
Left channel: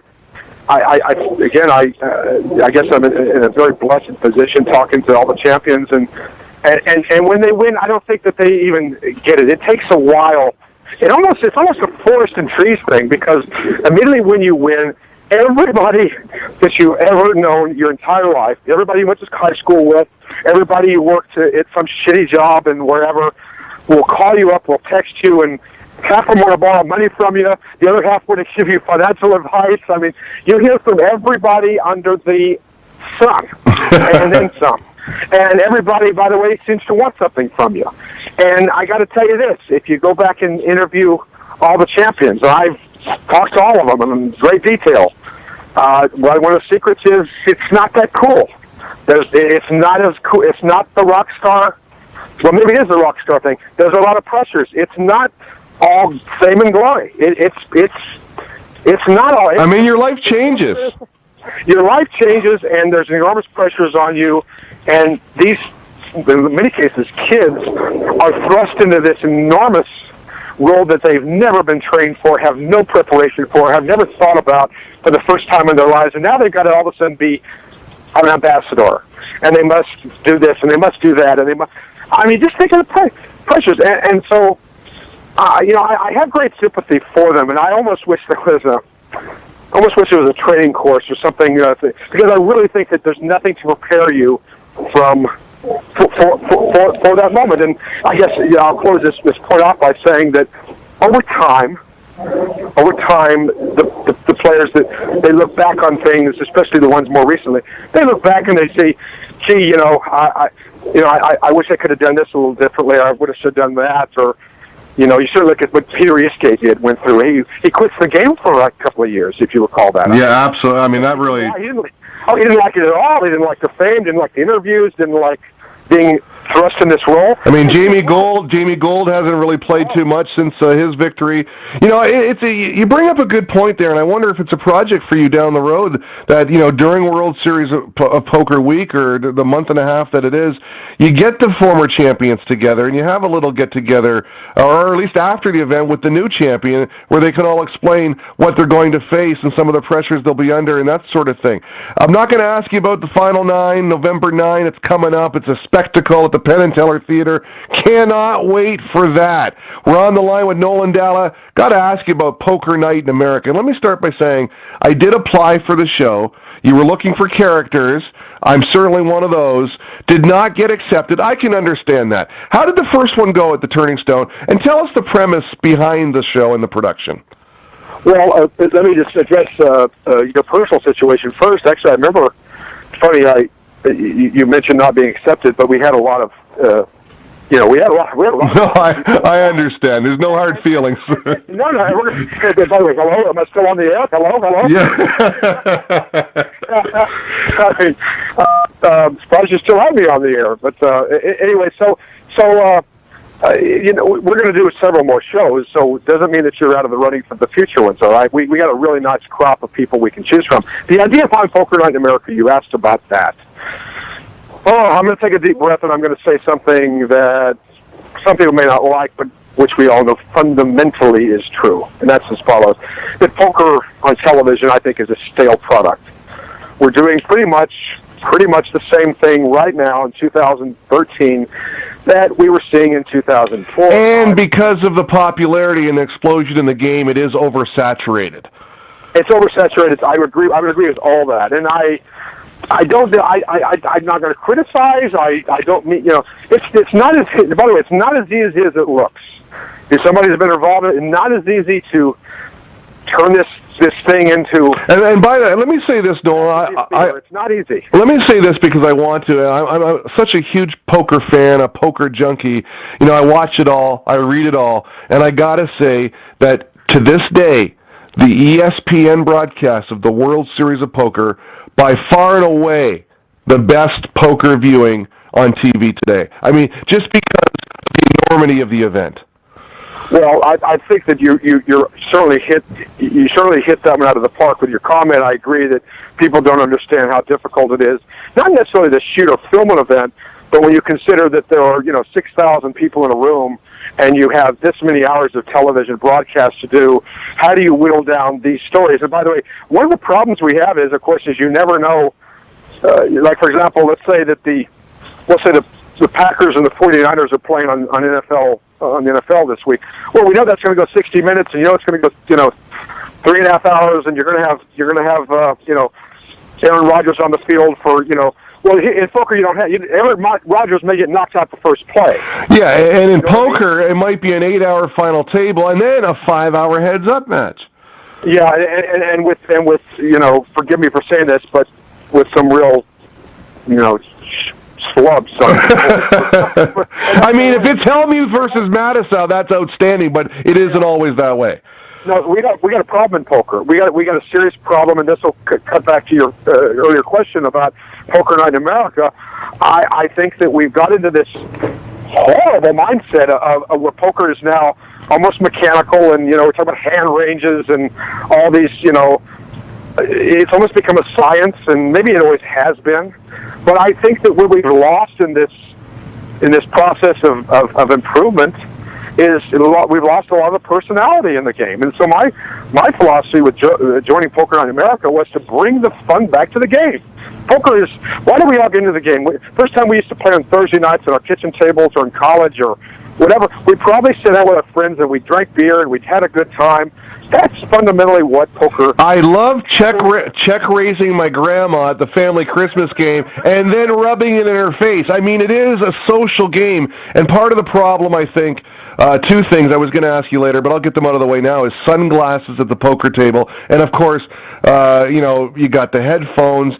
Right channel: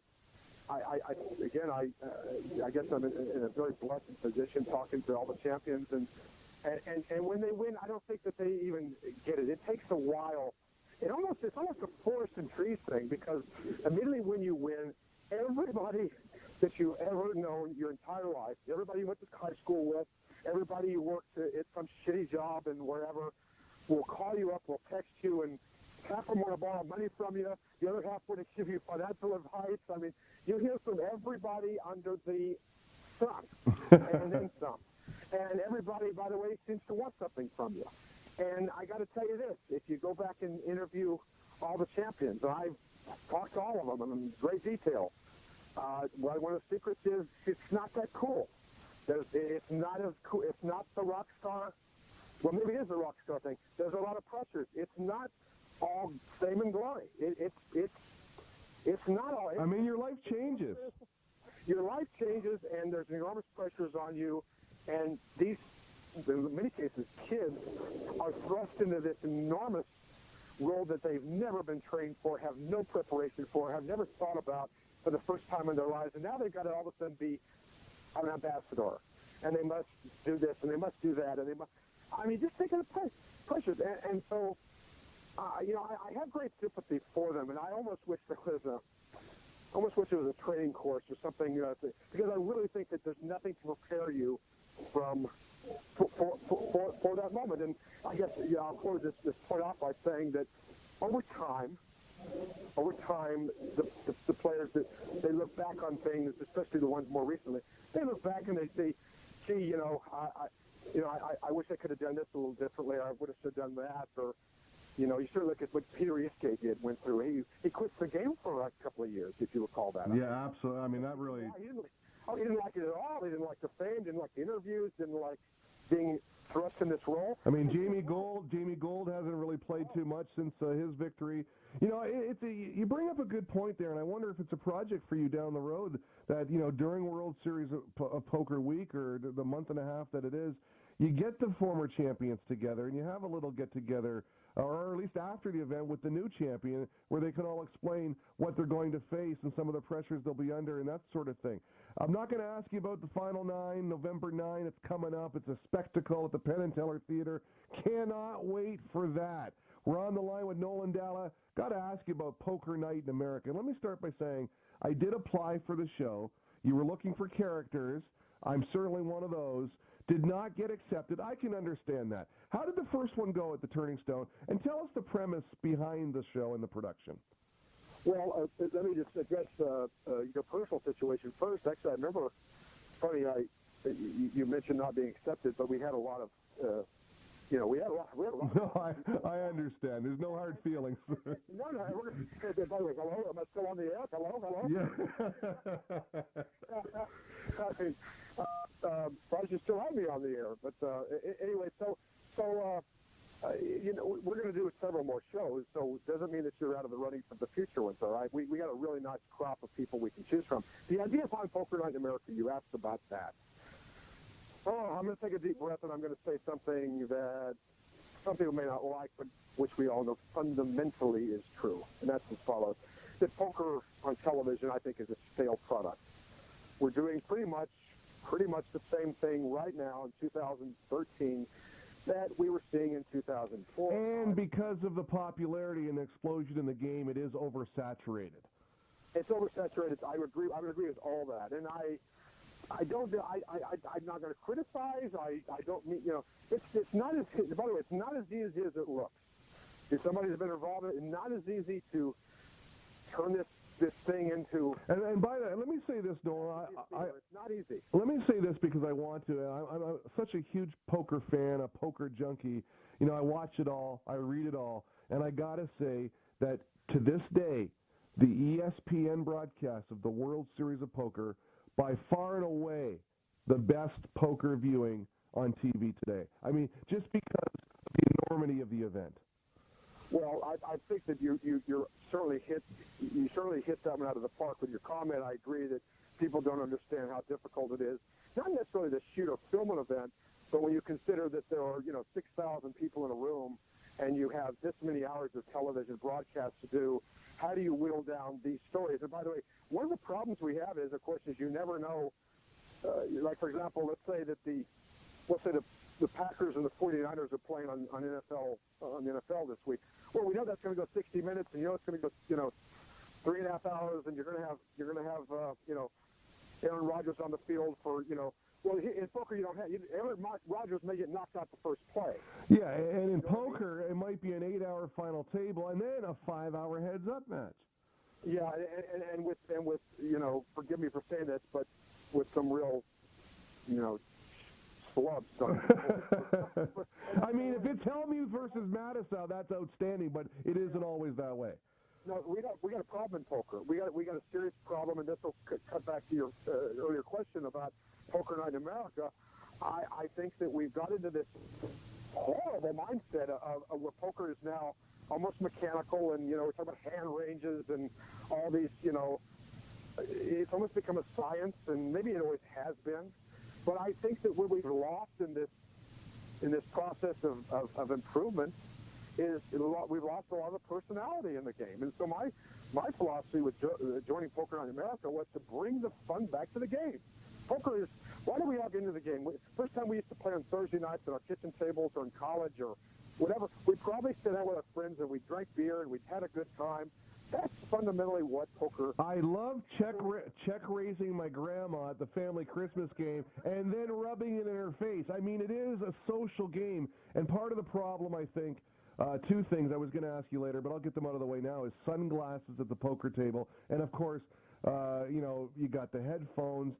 guess I'm in a very blessed position talking to all the champions, and when they win, I don't think that they even get it. It takes a while. It's almost a forest and trees thing, because immediately when you win, everybody that you ever known your entire life, everybody you went to high school with, everybody you worked at some shitty job and wherever, will call you up, will text you, and half of them want to borrow money from you. The other half want to give you financial advice. I mean, you hear from everybody under the sun, and then some. And everybody, by the way, seems to want something from you. And I got to tell you this: if you go back and interview all the champions, I've talked to all of them in great detail. One of the secrets is it's not that cool. It's not as cool. It's not the rock star. Well, maybe it is the rock star thing. There's a lot of pressures. It's not all fame and glory. It's not all. I mean, your life changes. Your life changes, and there's enormous pressures on you. And these, in many cases, kids are thrust into this enormous role that they've never been trained for, have no preparation for, have never thought about for the first time in their lives, and now they've got to all of a sudden be an ambassador, and they must do this, and they must do that, and they must. I mean, just think of the pressures, and so, I have great sympathy for them, and I almost wish there was a training course or something, because I really think that there's nothing to prepare you for that moment. And I guess I'll close this point off by saying that over time, the players that they look back on things, especially the ones more recently, they look back and they say, "Gee, I wish I could have done this a little differently. Or I would have done that." Or, you sort of look at what Peter Iskay went through. He quits the game for a couple of years, if you recall that. Yeah, absolutely. I mean, that really. Yeah, he didn't like it at all. He didn't like the fame. Didn't like the interviews. Didn't like being thrust in this role. I mean, Jamie Gold hasn't really played too much since his victory. You bring up a good point there, and I wonder if it's a project for you down the road that, during World Series of Poker Week or the month and a half that it is, you get the former champions together and you have a little get-together, or at least after the event with the new champion, where they can all explain what they're going to face and some of the pressures they'll be under and that sort of thing. I'm not going to ask you about the Final 9, November 9. It's coming up. It's a spectacle at the Penn and Teller Theater. Cannot wait for that. We're on the line with Nolan Dalla. Got to ask you about Poker Night in America. And let me start by saying I did apply for the show. You were looking for characters. I'm certainly one of those. Did not get accepted. I can understand that. How did the first one go at the Turning Stone? And tell us the premise behind the show and the production. Well, let me just address your personal situation first. Actually, I remember, funny, you mentioned not being accepted, but we had a lot of, we had a lot. No, I understand. There's no hard feelings. No. By the way, hello, am I still on the air? Hello. Yeah. I mean, surprised you still have me on the air. But anyway, so we're going to do several more shows, so it doesn't mean that you're out of the running for the future ones, all right? We got a really nice crop of people we can choose from. The idea behind Poker Night in America, you asked about that. Oh, I'm going to take a deep breath, and I'm going to say something that some people may not like, but which we all know fundamentally is true, and that's as follows. That poker on television, I think, is a stale product. We're doing pretty much the same thing right now in 2013 that we were seeing in 2004. And because of the popularity and the explosion in the game, it is oversaturated. It's oversaturated. I would agree with all that, and I'm not going to criticize. I don't mean, it's not as, by the way, it's not as easy as it looks. If somebody's been involved in it, it's not as easy to turn this thing into. And by that, let me say this, Nolan. It's not easy. Let me say this because I want to. I'm such a huge poker fan, a poker junkie. I watch it all, I read it all, and I got to say that to this day, the ESPN broadcast of the World Series of Poker, by far and away, the best poker viewing on TV today. I mean, just because of the enormity of the event. Well, I think that you certainly hit that one out of the park with your comment. I agree that people don't understand how difficult it is, not necessarily to shoot or film an event, but when you consider that there are 6,000 people in a room and you have this many hours of television broadcast to do, how do you whittle down these stories? And by the way, one of the problems we have is, of course, is you never know. Like for example, let's say the Packers and the 49ers are playing on the NFL this week. Well, we know that's going to go 60 minutes, and it's going to go 3.5 hours, and you're going to have Aaron Rodgers on the field for Well, in poker, you don't have. Aaron Rodgers may get knocked out the first play. Yeah, and in poker, it might be an 8-hour final table and then a 5-hour heads-up match. Yeah, and with forgive me for saying this, but with some real slub. So. I mean, if it's Hellmuth versus Mattisau, that's outstanding, but it isn't always that way. No, we got a problem in poker. We got a serious problem, and this will cut back to your earlier question about Poker Night in America. I think that we've got into this horrible mindset of where poker is now almost mechanical, and we're talking about hand ranges and all these. It's almost become a science, and maybe it always has been. But I think that what we've lost in this process of improvement is we've lost a lot of the personality in the game. And so my philosophy with joining Poker Night in America was to bring the fun back to the game. Poker is, why do we all get into the game? First time we used to play on Thursday nights at our kitchen tables or in college or whatever, we'd probably sit out with our friends and we drank beer and we'd had a good time. That's fundamentally what poker... I love check raising my grandma at the family Christmas game and then rubbing it in her face. I mean, it is a social game. And part of the problem, I think... two things I was going to ask you later, but I'll get them out of the way now, is sunglasses at the poker table. And, of course, you got the headphones,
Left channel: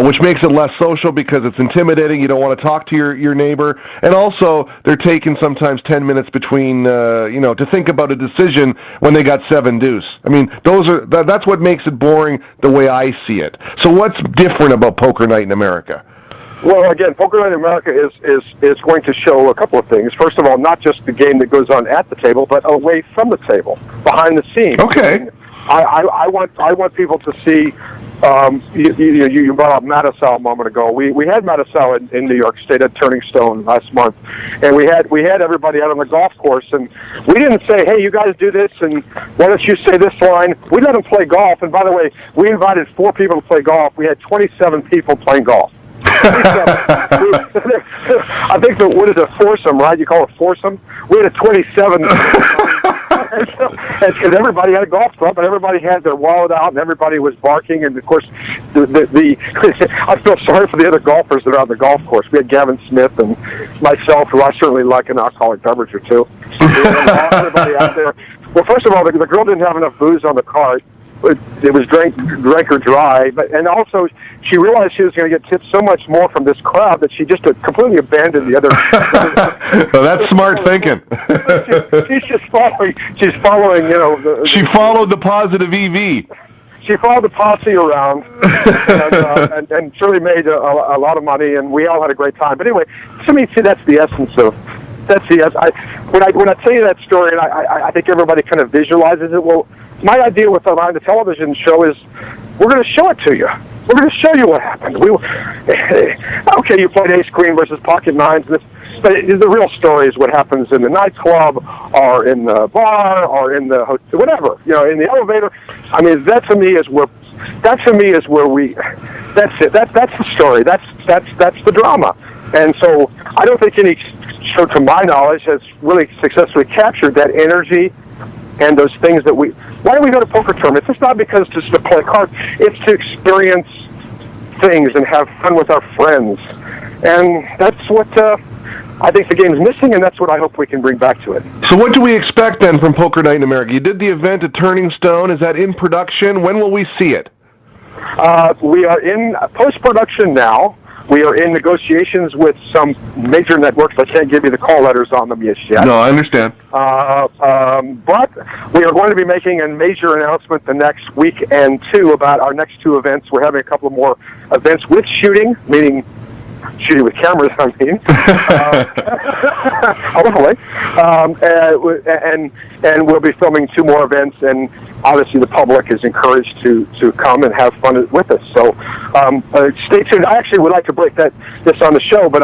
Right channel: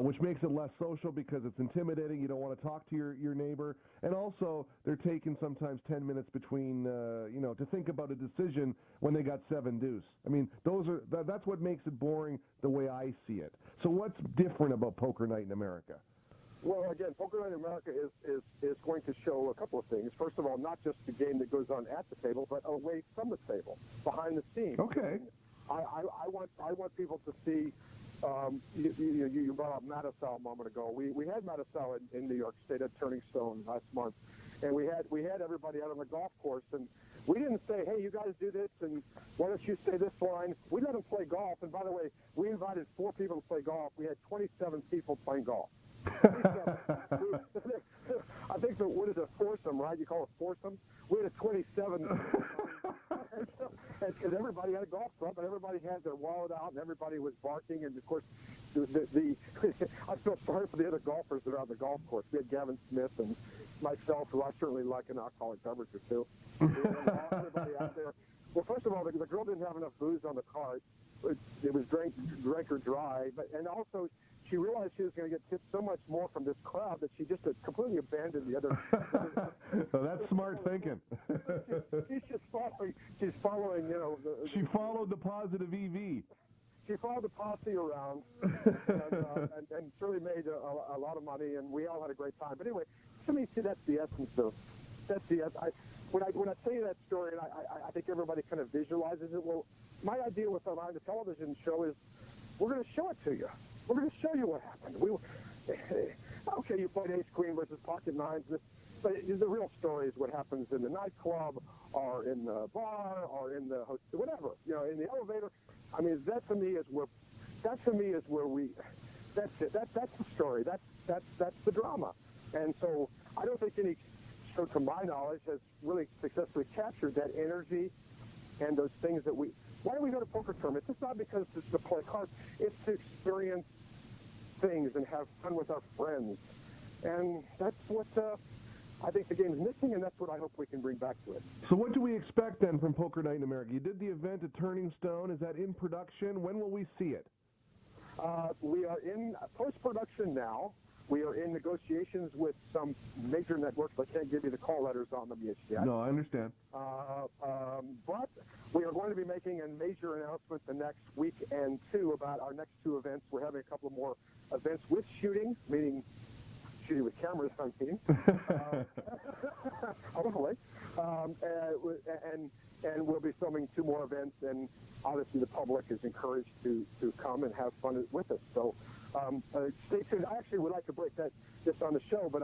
which makes it less social because it's intimidating. You don't want to talk to your neighbor. And also, they're taking sometimes 10 minutes between, to think about a decision when they got 7 deuce. I mean, that's what makes it boring the way I see it. So what's different about Poker Night in America? Well, again, Poker Night in America is going to show a couple of things. First of all, not just the game that goes on at the table, but away from the table, behind the scenes. Okay. I want people to see. You brought up Mattisau a moment ago. We had Mattisau in New York State at Turning Stone last month, and we had everybody out on the golf course, and we didn't say, "Hey, you guys do this, and why don't you say this line?" We let them play golf, and by the way, we invited 4 people to play golf. We had 27 people playing golf. I think what is a foursome, right? You call it foursome. We had a 27, and everybody had a golf club, and everybody had their wallet out, and everybody was barking. And of course, I feel sorry for the other golfers that are on the golf course. We had Gavin Smith and myself, who I certainly like an alcoholic beverage or two. We had everybody out there. Well, first of all, the girl didn't have enough booze on the cart. It was drank or dry, and also she realized she was going to get tipped so much more from this crowd that she just completely abandoned the other. Well, that's smart thinking. She's just following. She's following. She followed the positive EV. She followed the posse around, and surely made a lot of money, and we all had a great time. But anyway, to me, see, that's the essence of. When I tell you that story, and I think everybody kind of visualizes it. Well, my idea with the television show is we're going to show it to you. We're going to show you what happened. Okay, you played ace queen versus pocket nines, but the real story is what happens in the nightclub or in the bar or in the hotel, whatever, in the elevator. I mean, that to me is where we. That's it. That's the story. That's the drama. And so I don't think any show, to my knowledge, has really successfully captured that energy and those things that we... Why do we go to poker tournaments? It's not because just to play cards. It's to experience things and have fun with our friends. And that's what I think the game's missing, and that's what I hope we can bring back to it. So what do we expect, then, from Poker Night in America? You did the event at Turning Stone. Is that in production? When will we see it? We are in post-production now. We are in negotiations with some major networks. I can't give you the call letters on them yet. No, I understand. But we are going to be making a major announcement the next week and 2 about our next 2 events. We're having a couple more events with shooting, meaning shooting with cameras, I mean. Hopefully. And we'll be filming 2 more events, and obviously the public is encouraged to come and have fun with us. So stay tuned. I actually would like to break this on the show, but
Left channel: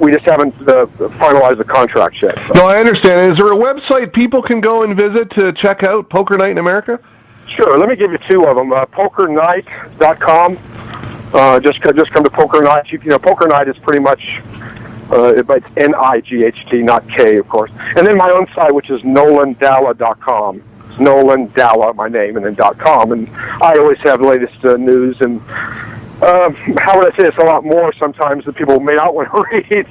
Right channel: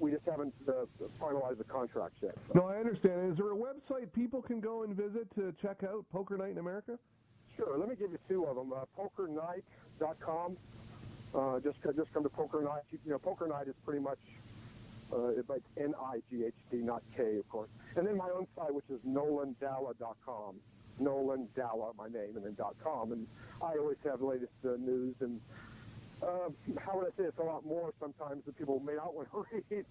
we just haven't finalized the contract yet. So. No, I understand. Is there a website people can go and visit to check out Poker Night in America? Sure. Let me give you 2 of them. PokerNight.com. Just come to Poker Night. Poker Night is pretty much, it's N-I-G-H-T, not K, of course. And then my own site, which is NolanDalla.com. Nolan Dalla, my name, and then .com. And I always have the latest news and how would I say this? A lot more sometimes than people may not want to read.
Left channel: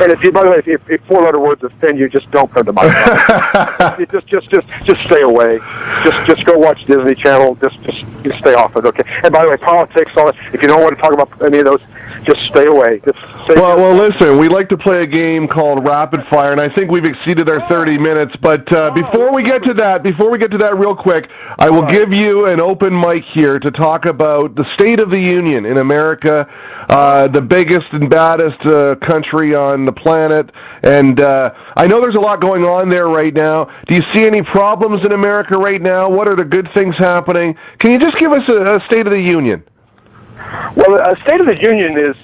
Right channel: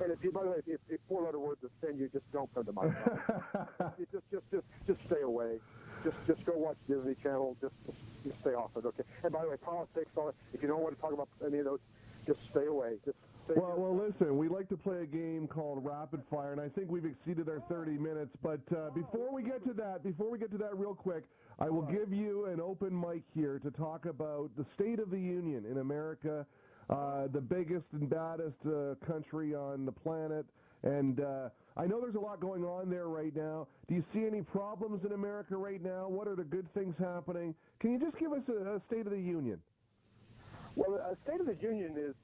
And if you, by the way, if four-letter words offend you, just don't come to my house. just stay away. Just go watch Disney Channel. Just stay off it. Okay. And by the way, politics, all that. If you don't want to talk about any of those, just stay away. Well, listen, we like to play a game called Rapid Fire, and I think we've exceeded our 30 minutes. But before we get to that real quick, I will give you an open mic here to talk about the State of the Union in America, the biggest and baddest country on the planet. And I know there's a lot going on there right now. Do you see any problems in America right now? What are the good things happening? Can you just give us a State of the Union? Well, State of the Union is,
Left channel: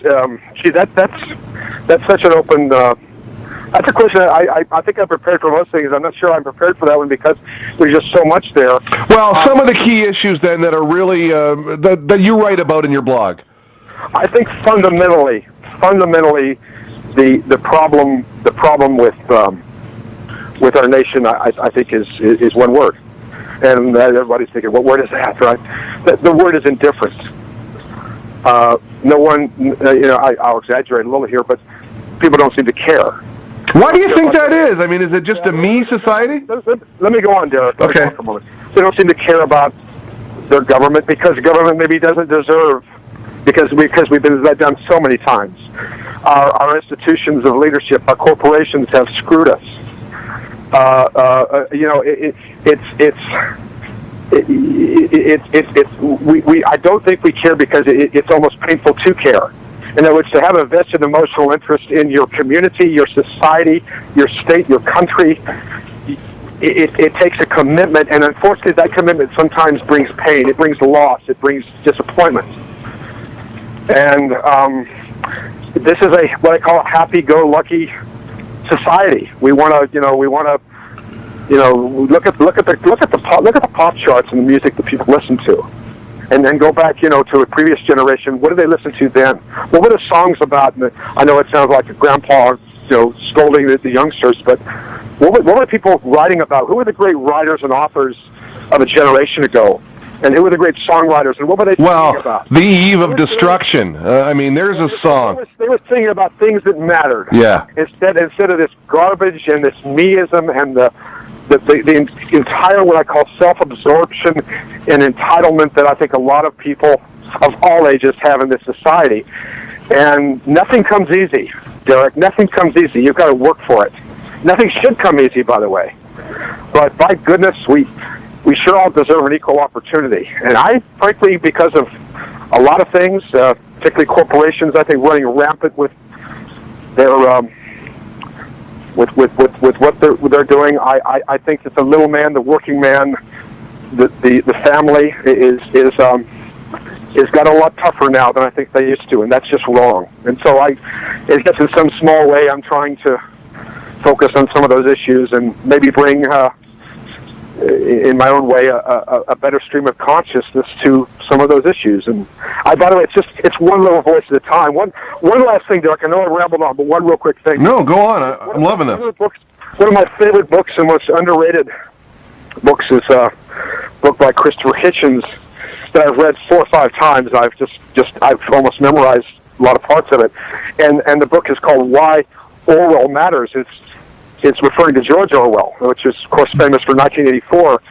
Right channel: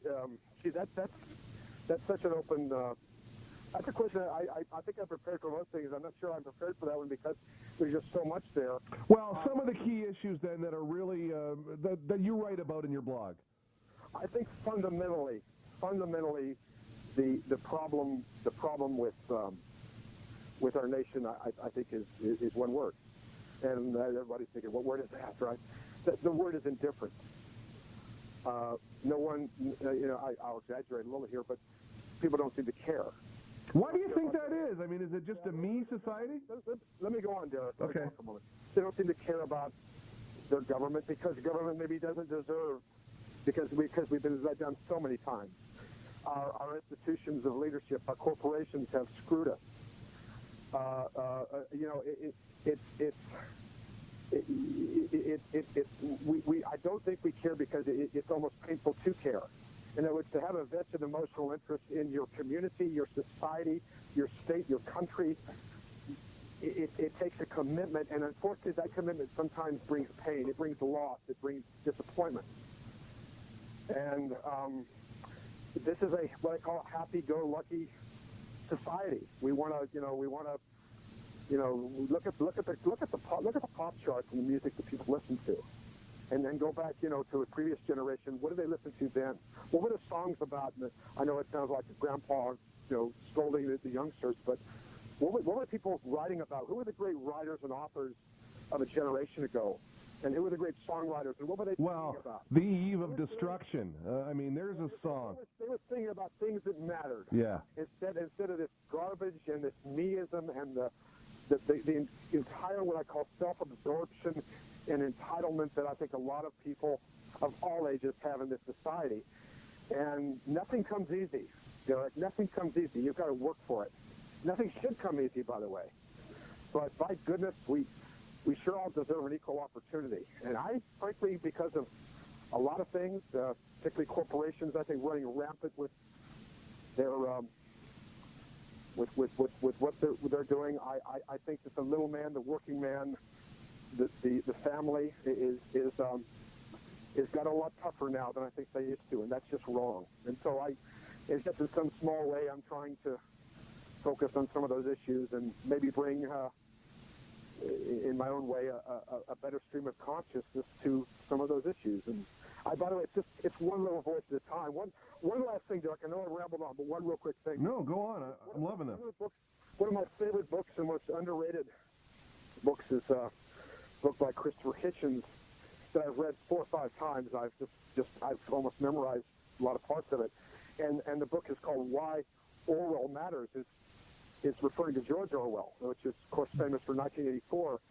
that's such an open, that's a question I think I'm prepared for most things. I'm not sure I'm prepared for that one because there's just so much there. Well, some of the key issues then that are really, that you write about in your blog. I think fundamentally, the problem with our nation, I think is one word. And everybody's thinking, what word is that, right? The word is indifference. No one, I'll exaggerate a little here, but people don't seem to care. Why do you think that is? I mean, is it just a me society? Let me go on, Derek. Okay. They don't seem to care about their government because the government maybe doesn't deserve, because we've been let down so many times. Our institutions of leadership, our corporations have screwed us. I don't think we care because it's almost painful to care. In other words, to have a vested emotional interest in your community, your society, your state, your country, it takes a commitment, and unfortunately that commitment sometimes brings pain, it brings loss, it brings disappointment. And this is what I call a happy-go-lucky society. We want to, look at the pop charts and the music that people listen to, and then go back, to a previous generation. What did they listen to then? What were the songs about? And I know it sounds like a grandpa, scolding the youngsters, but what were people writing about? Who were the great writers and authors of a generation ago? And who were the great songwriters? And what were they singing about? The Eve of Destruction. There's a song. They were singing about things that mattered. Yeah. Instead of this garbage and this meism and the entire what I call self-absorption and entitlement that I think a lot of people of all ages have in this society. And nothing comes easy, Derek. Nothing comes easy. You've got to work for it. Nothing should come easy, by the way. But by goodness, we should all deserve an equal opportunity. And I, frankly, because of a lot of things, particularly corporations, I think running rampant with their with what they're doing, I think that the little man, the working man, the family is got a lot tougher now than I think they used to, and that's just wrong. And so I guess in some small way, I'm trying to focus on some of those issues and maybe bring, in my own way, a better stream of consciousness to some of those issues. And by the way, it's one little voice at a time. One last thing, Derek. I know I rambled on, but one real quick thing. No, go on. I'm loving this. One of my favorite books and most underrated books is a book by Christopher Hitchens that I've read 4 or 5 times. I've almost memorized a lot of parts of it. And the book is called Why Orwell Matters. It's referring to George Orwell, which is, of course, famous for 1984.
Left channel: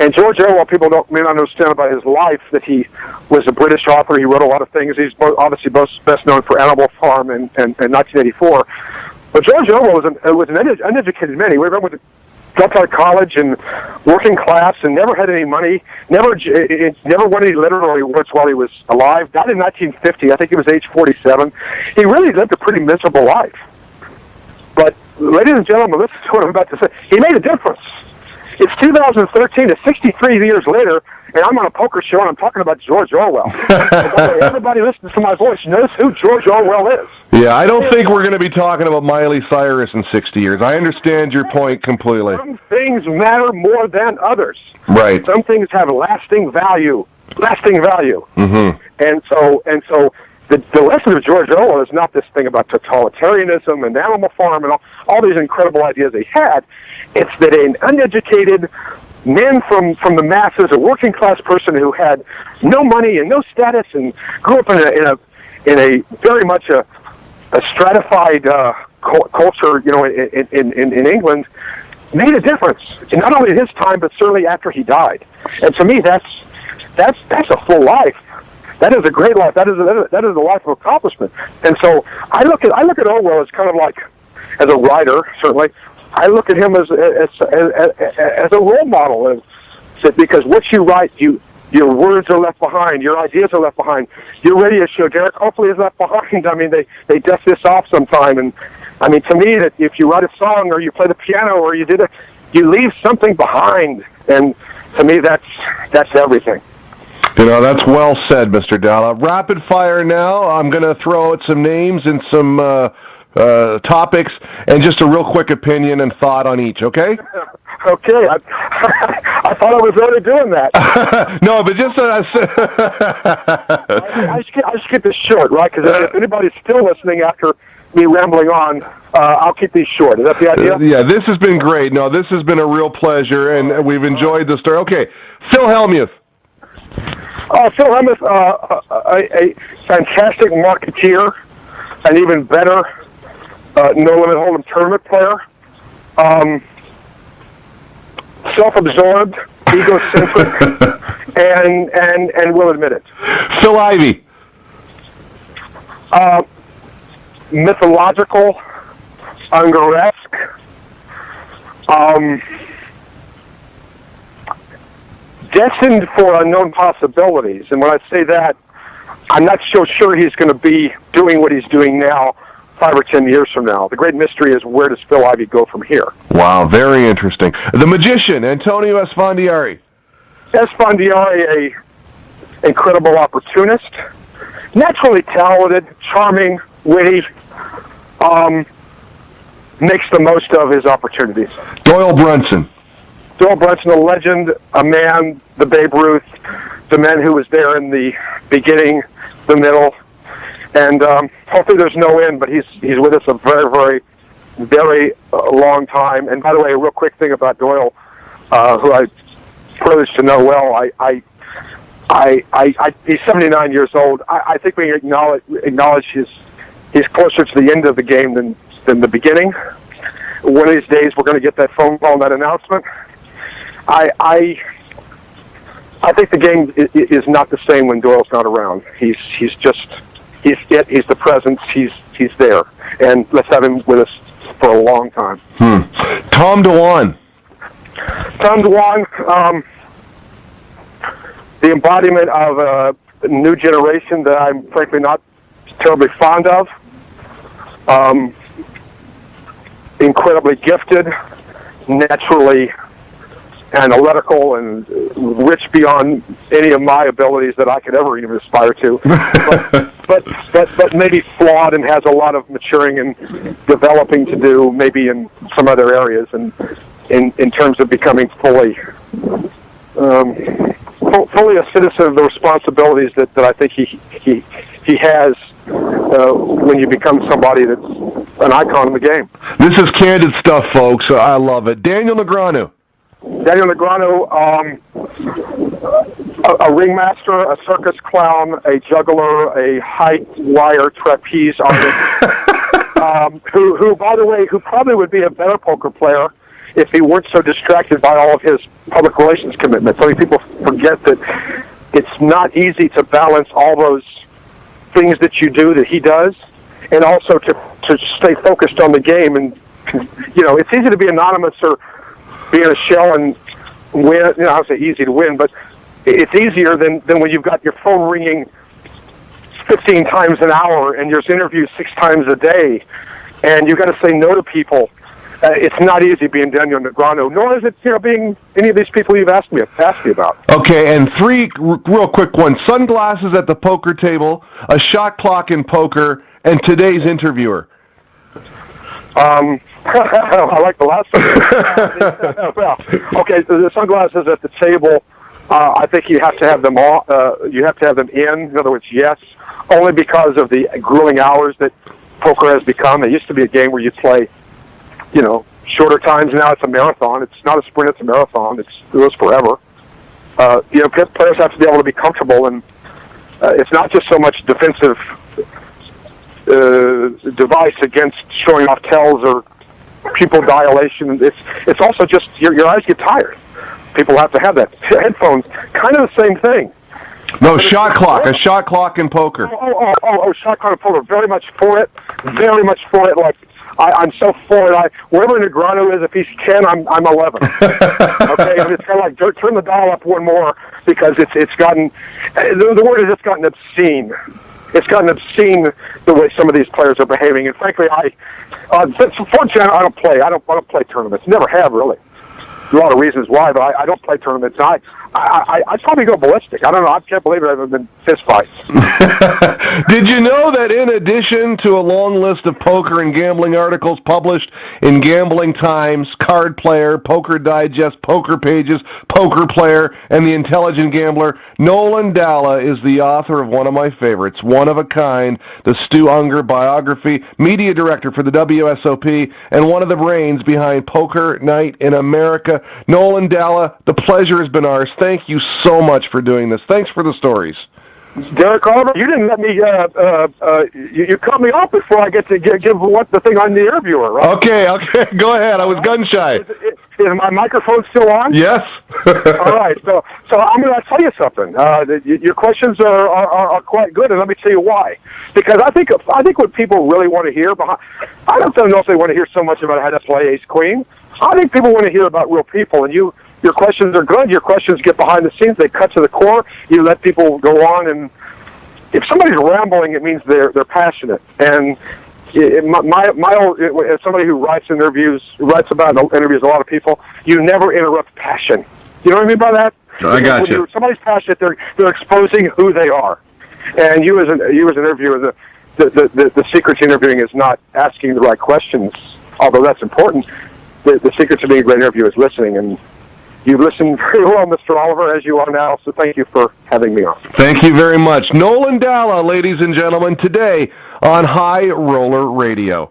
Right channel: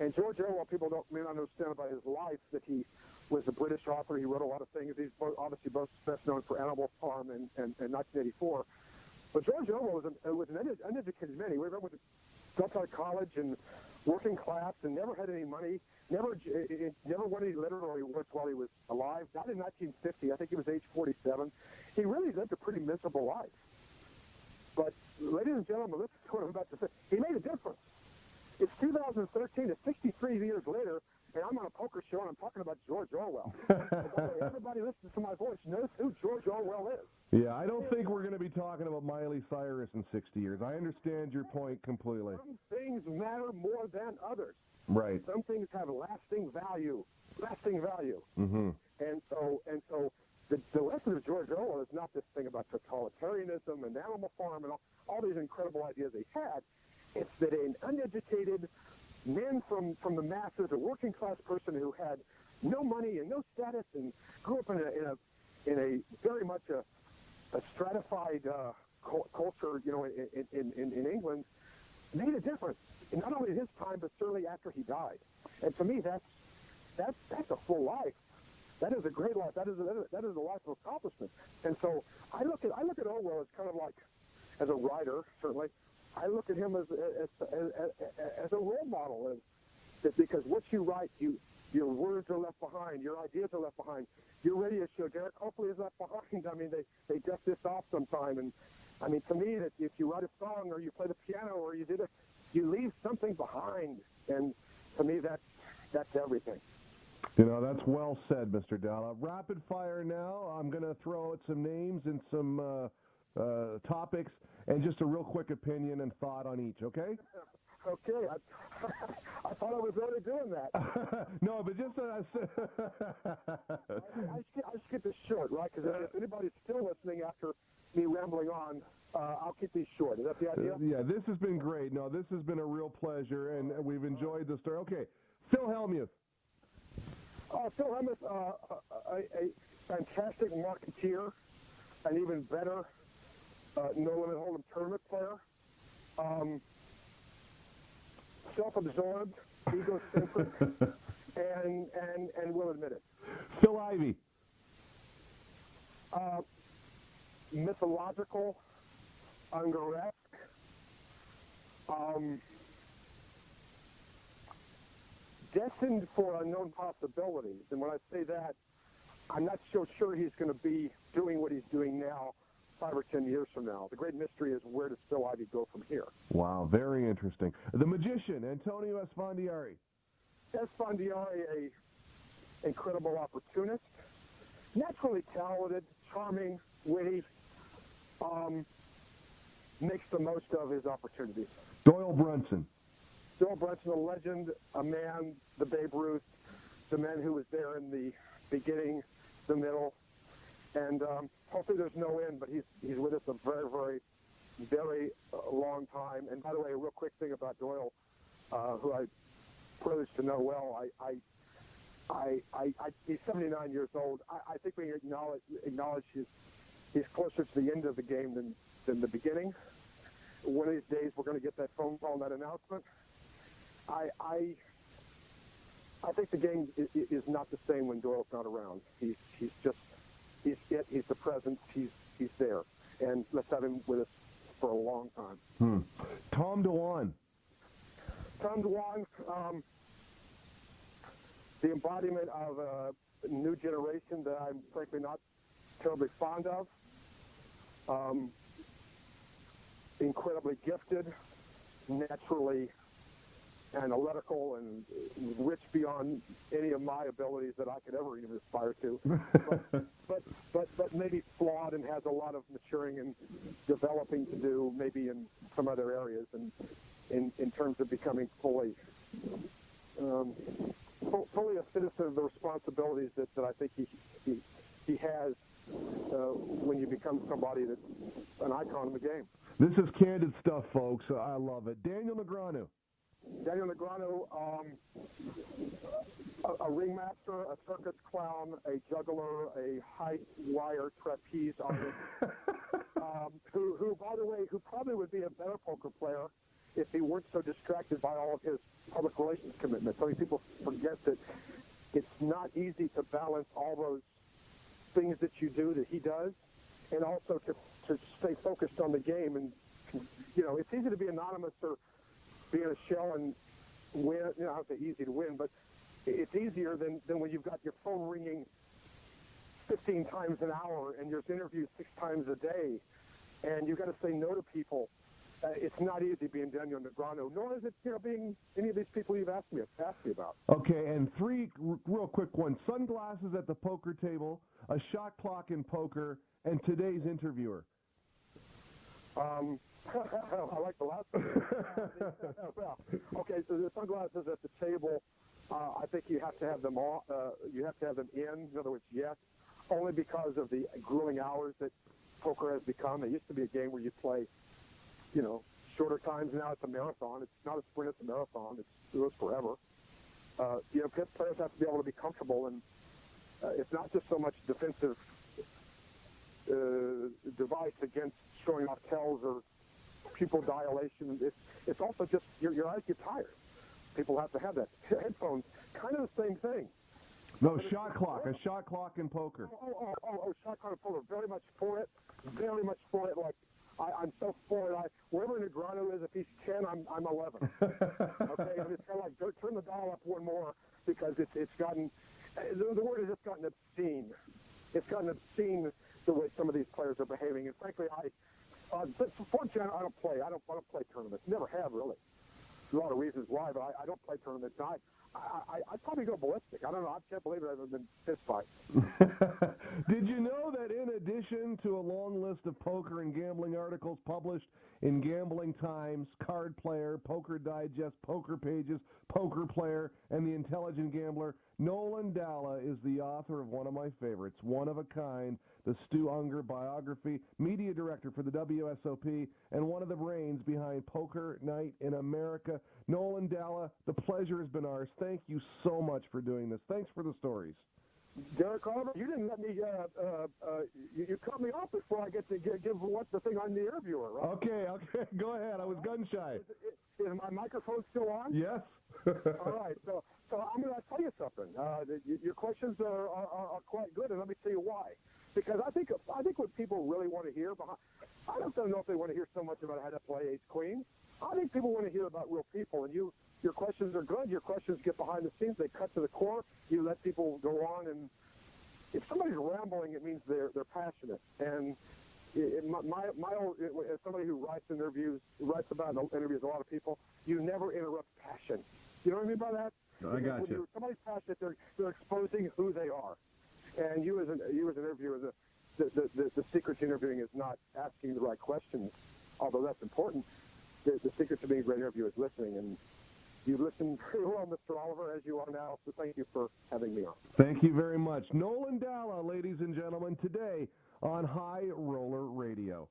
And George Orwell, people may not understand about his life, that he was a British author. He wrote a lot of things. He's obviously best known for Animal Farm and 1984. But George Orwell was an uneducated man. He went to dropped out of college and working class and never had any money, never won any literary awards while he was alive. Died in 1950. I think he was age 47. He really lived a pretty miserable life. But, ladies and gentlemen, listen to what I'm about to say. He made a difference. It's 2013, it's 63 years later, and I'm on a poker show, and I'm talking about George Orwell. Everybody listens to my voice knows who George Orwell is. Yeah, I don't think we're going to be talking about Miley Cyrus in 60 years. I understand your point completely. Some things matter more than others. Right. Some things have lasting value. Mm-hmm. And so the lesson of George Orwell is not this thing about totalitarianism and Animal Farm and all these incredible ideas he had. It's that an uneducated, men from the masses, a working class person who had no money and no status and grew up in a very much a stratified culture, in England, made a difference. And not only in his time, but certainly after he died. And to me, that's a full life. That is a great life. That is a life of accomplishment. And so I look at Orwell as kind of like, as a writer, certainly, I look at him as a role model, because what you write, your words are left behind, your ideas are left behind. Your radio show, Derek, hopefully is left behind. I mean, they dust this off sometime, and I mean, to me, that if you write a song or you play the piano or you leave something behind, and to me, that's everything. That's well said, Mr. Dalla. Rapid fire now. I'm going to throw out some names and some topics, and just a real quick opinion and thought on each, okay? Okay. I thought I was already doing that. No, but just... I just keep this short, right? Because if anybody's still listening after me rambling on, I'll keep these short. Is that the idea? Yeah, this has been great. No, this has been a real pleasure, and we've enjoyed the story. Okay, Phil Hellmuth. Phil Hellmuth, a fantastic marketeer, an even better No Limit Hold'em tournament player, self-absorbed, egocentric, and will admit it. Phil Ivey. Mythological, Ungaresque, destined for unknown possibilities. And when I say that, I'm not so sure he's going to be doing what he's doing now 5 or 10 years from now. The great mystery is, where does Phil Ivey go from here? Wow, very interesting. The magician, Antonio Esfandiari. Esfandiari, a incredible opportunist, naturally talented, charming, witty, makes the most of his opportunities. Doyle Brunson. Doyle Brunson, a legend, a man, the Babe Ruth, the man who was there in the beginning, the middle, and hopefully there's no end, but he's with us a very, very, very long time. And by the way, a real quick thing about Doyle, who I'm privileged to know well, he's 79 years old. I think we acknowledge he's closer to the end of the game than the beginning. One of these days, we're going to get that phone call and that announcement. I think the game is not the same when Doyle's not around. He's the presence. He's there, and let's have him with us for a long time. Tom DeWan. Tom DeWan, the embodiment of a new generation that I'm frankly not terribly fond of. Incredibly gifted, naturally analytical, and rich beyond any of my abilities that I could ever even aspire to. but maybe flawed and has a lot of maturing and developing to do, maybe in some other areas, and in terms of becoming fully a citizen of the responsibilities that I think he has when you become somebody that's an icon in the game. This is candid stuff, folks. I love it. Daniel Negreanu. Daniel Negreanu, a ringmaster, a circus clown, a juggler, a height wire trapeze artist, who, by the way, who probably would be a better poker player if he weren't so distracted by all of his public relations commitments. So many people forget that it's not easy to balance all those things that you do that he does, and also to stay focused on the game. And it's easy to be anonymous or be in a shell and win. I would say easy to win, but it's easier than when you've got your phone ringing 15 times an hour and there's interviews 6 times a day, and you've got to say no to people. It's not easy being Daniel Negreanu, nor is it being any of these people you've asked me about. Okay, and 3 real quick ones: sunglasses at the poker table, a shot clock in poker, and today's interviewer. I like the last one. Well, okay, so the sunglasses at the table, I think you have to have them all. You have to have them in. In other words, yes, only because of the grueling hours that poker has become. It used to be a game where you play, shorter times. Now it's a marathon. It's not a sprint, it's a marathon. It goes forever. Players have to be able to be comfortable, and it's not just so much defensive device against showing off tells or pupil dilation. It's also just your eyes get tired. People have to have that. Headphones, kind of the same thing. No, shot clock. A shot clock in poker. Shot clock in poker. Very much for it. Very much for it. Like, I'm so for it. Wherever Negreanu is, if he's 10, I'm 11. Okay? And it's kind of like, turn the dial up one more, because it's gotten, the word is it's gotten obscene. It's gotten obscene the way some of these players are behaving. And frankly, fortunately, I don't play tournaments. Never have, really. A lot of reasons why, but I don't play tournaments. I'd probably go ballistic. I don't know. I can't believe it. I've been fist fights. Did you know that in addition to a long list of poker and gambling articles published in Gambling Times, Card Player, Poker Digest, Poker Pages, Poker Player, and The Intelligent Gambler, Nolan Dalla is the author of one of my favorites, One of a Kind, the Stu Ungar biography, media director for the WSOP, and one of the brains behind Poker Night in America. Nolan Dalla, the pleasure has been ours. Thank you so much for doing this. Thanks for the stories. Derek Oliver, you didn't let me, you cut me off before I get to give what the thing on the interviewer, right? Okay, go ahead. I was gun-shy. Is my microphone still on? Yes. All right, so I'm going to tell you something. Your questions are quite good, and let me tell you why. Because I think what people really want to hear, I don't know if they want to hear so much about how to play ace-queen. I think people want to hear about real people, and your questions are good. Your questions get behind the scenes. They cut to the core. You let people go on, and if somebody's rambling, it means they're passionate. And as somebody who writes about and interviews a lot of people, you never interrupt passion. You know what I mean by that? I got you. When somebody's passionate, they're exposing who they are. And you as an interviewer, the secret to interviewing is not asking the right questions, although that's important. The secret to being a great interviewer is listening, and you listen very well, Mr. Oliver, as you are now, so thank you for having me on. Thank you very much. Nolan Dalla, ladies and gentlemen, today on High Roller Radio.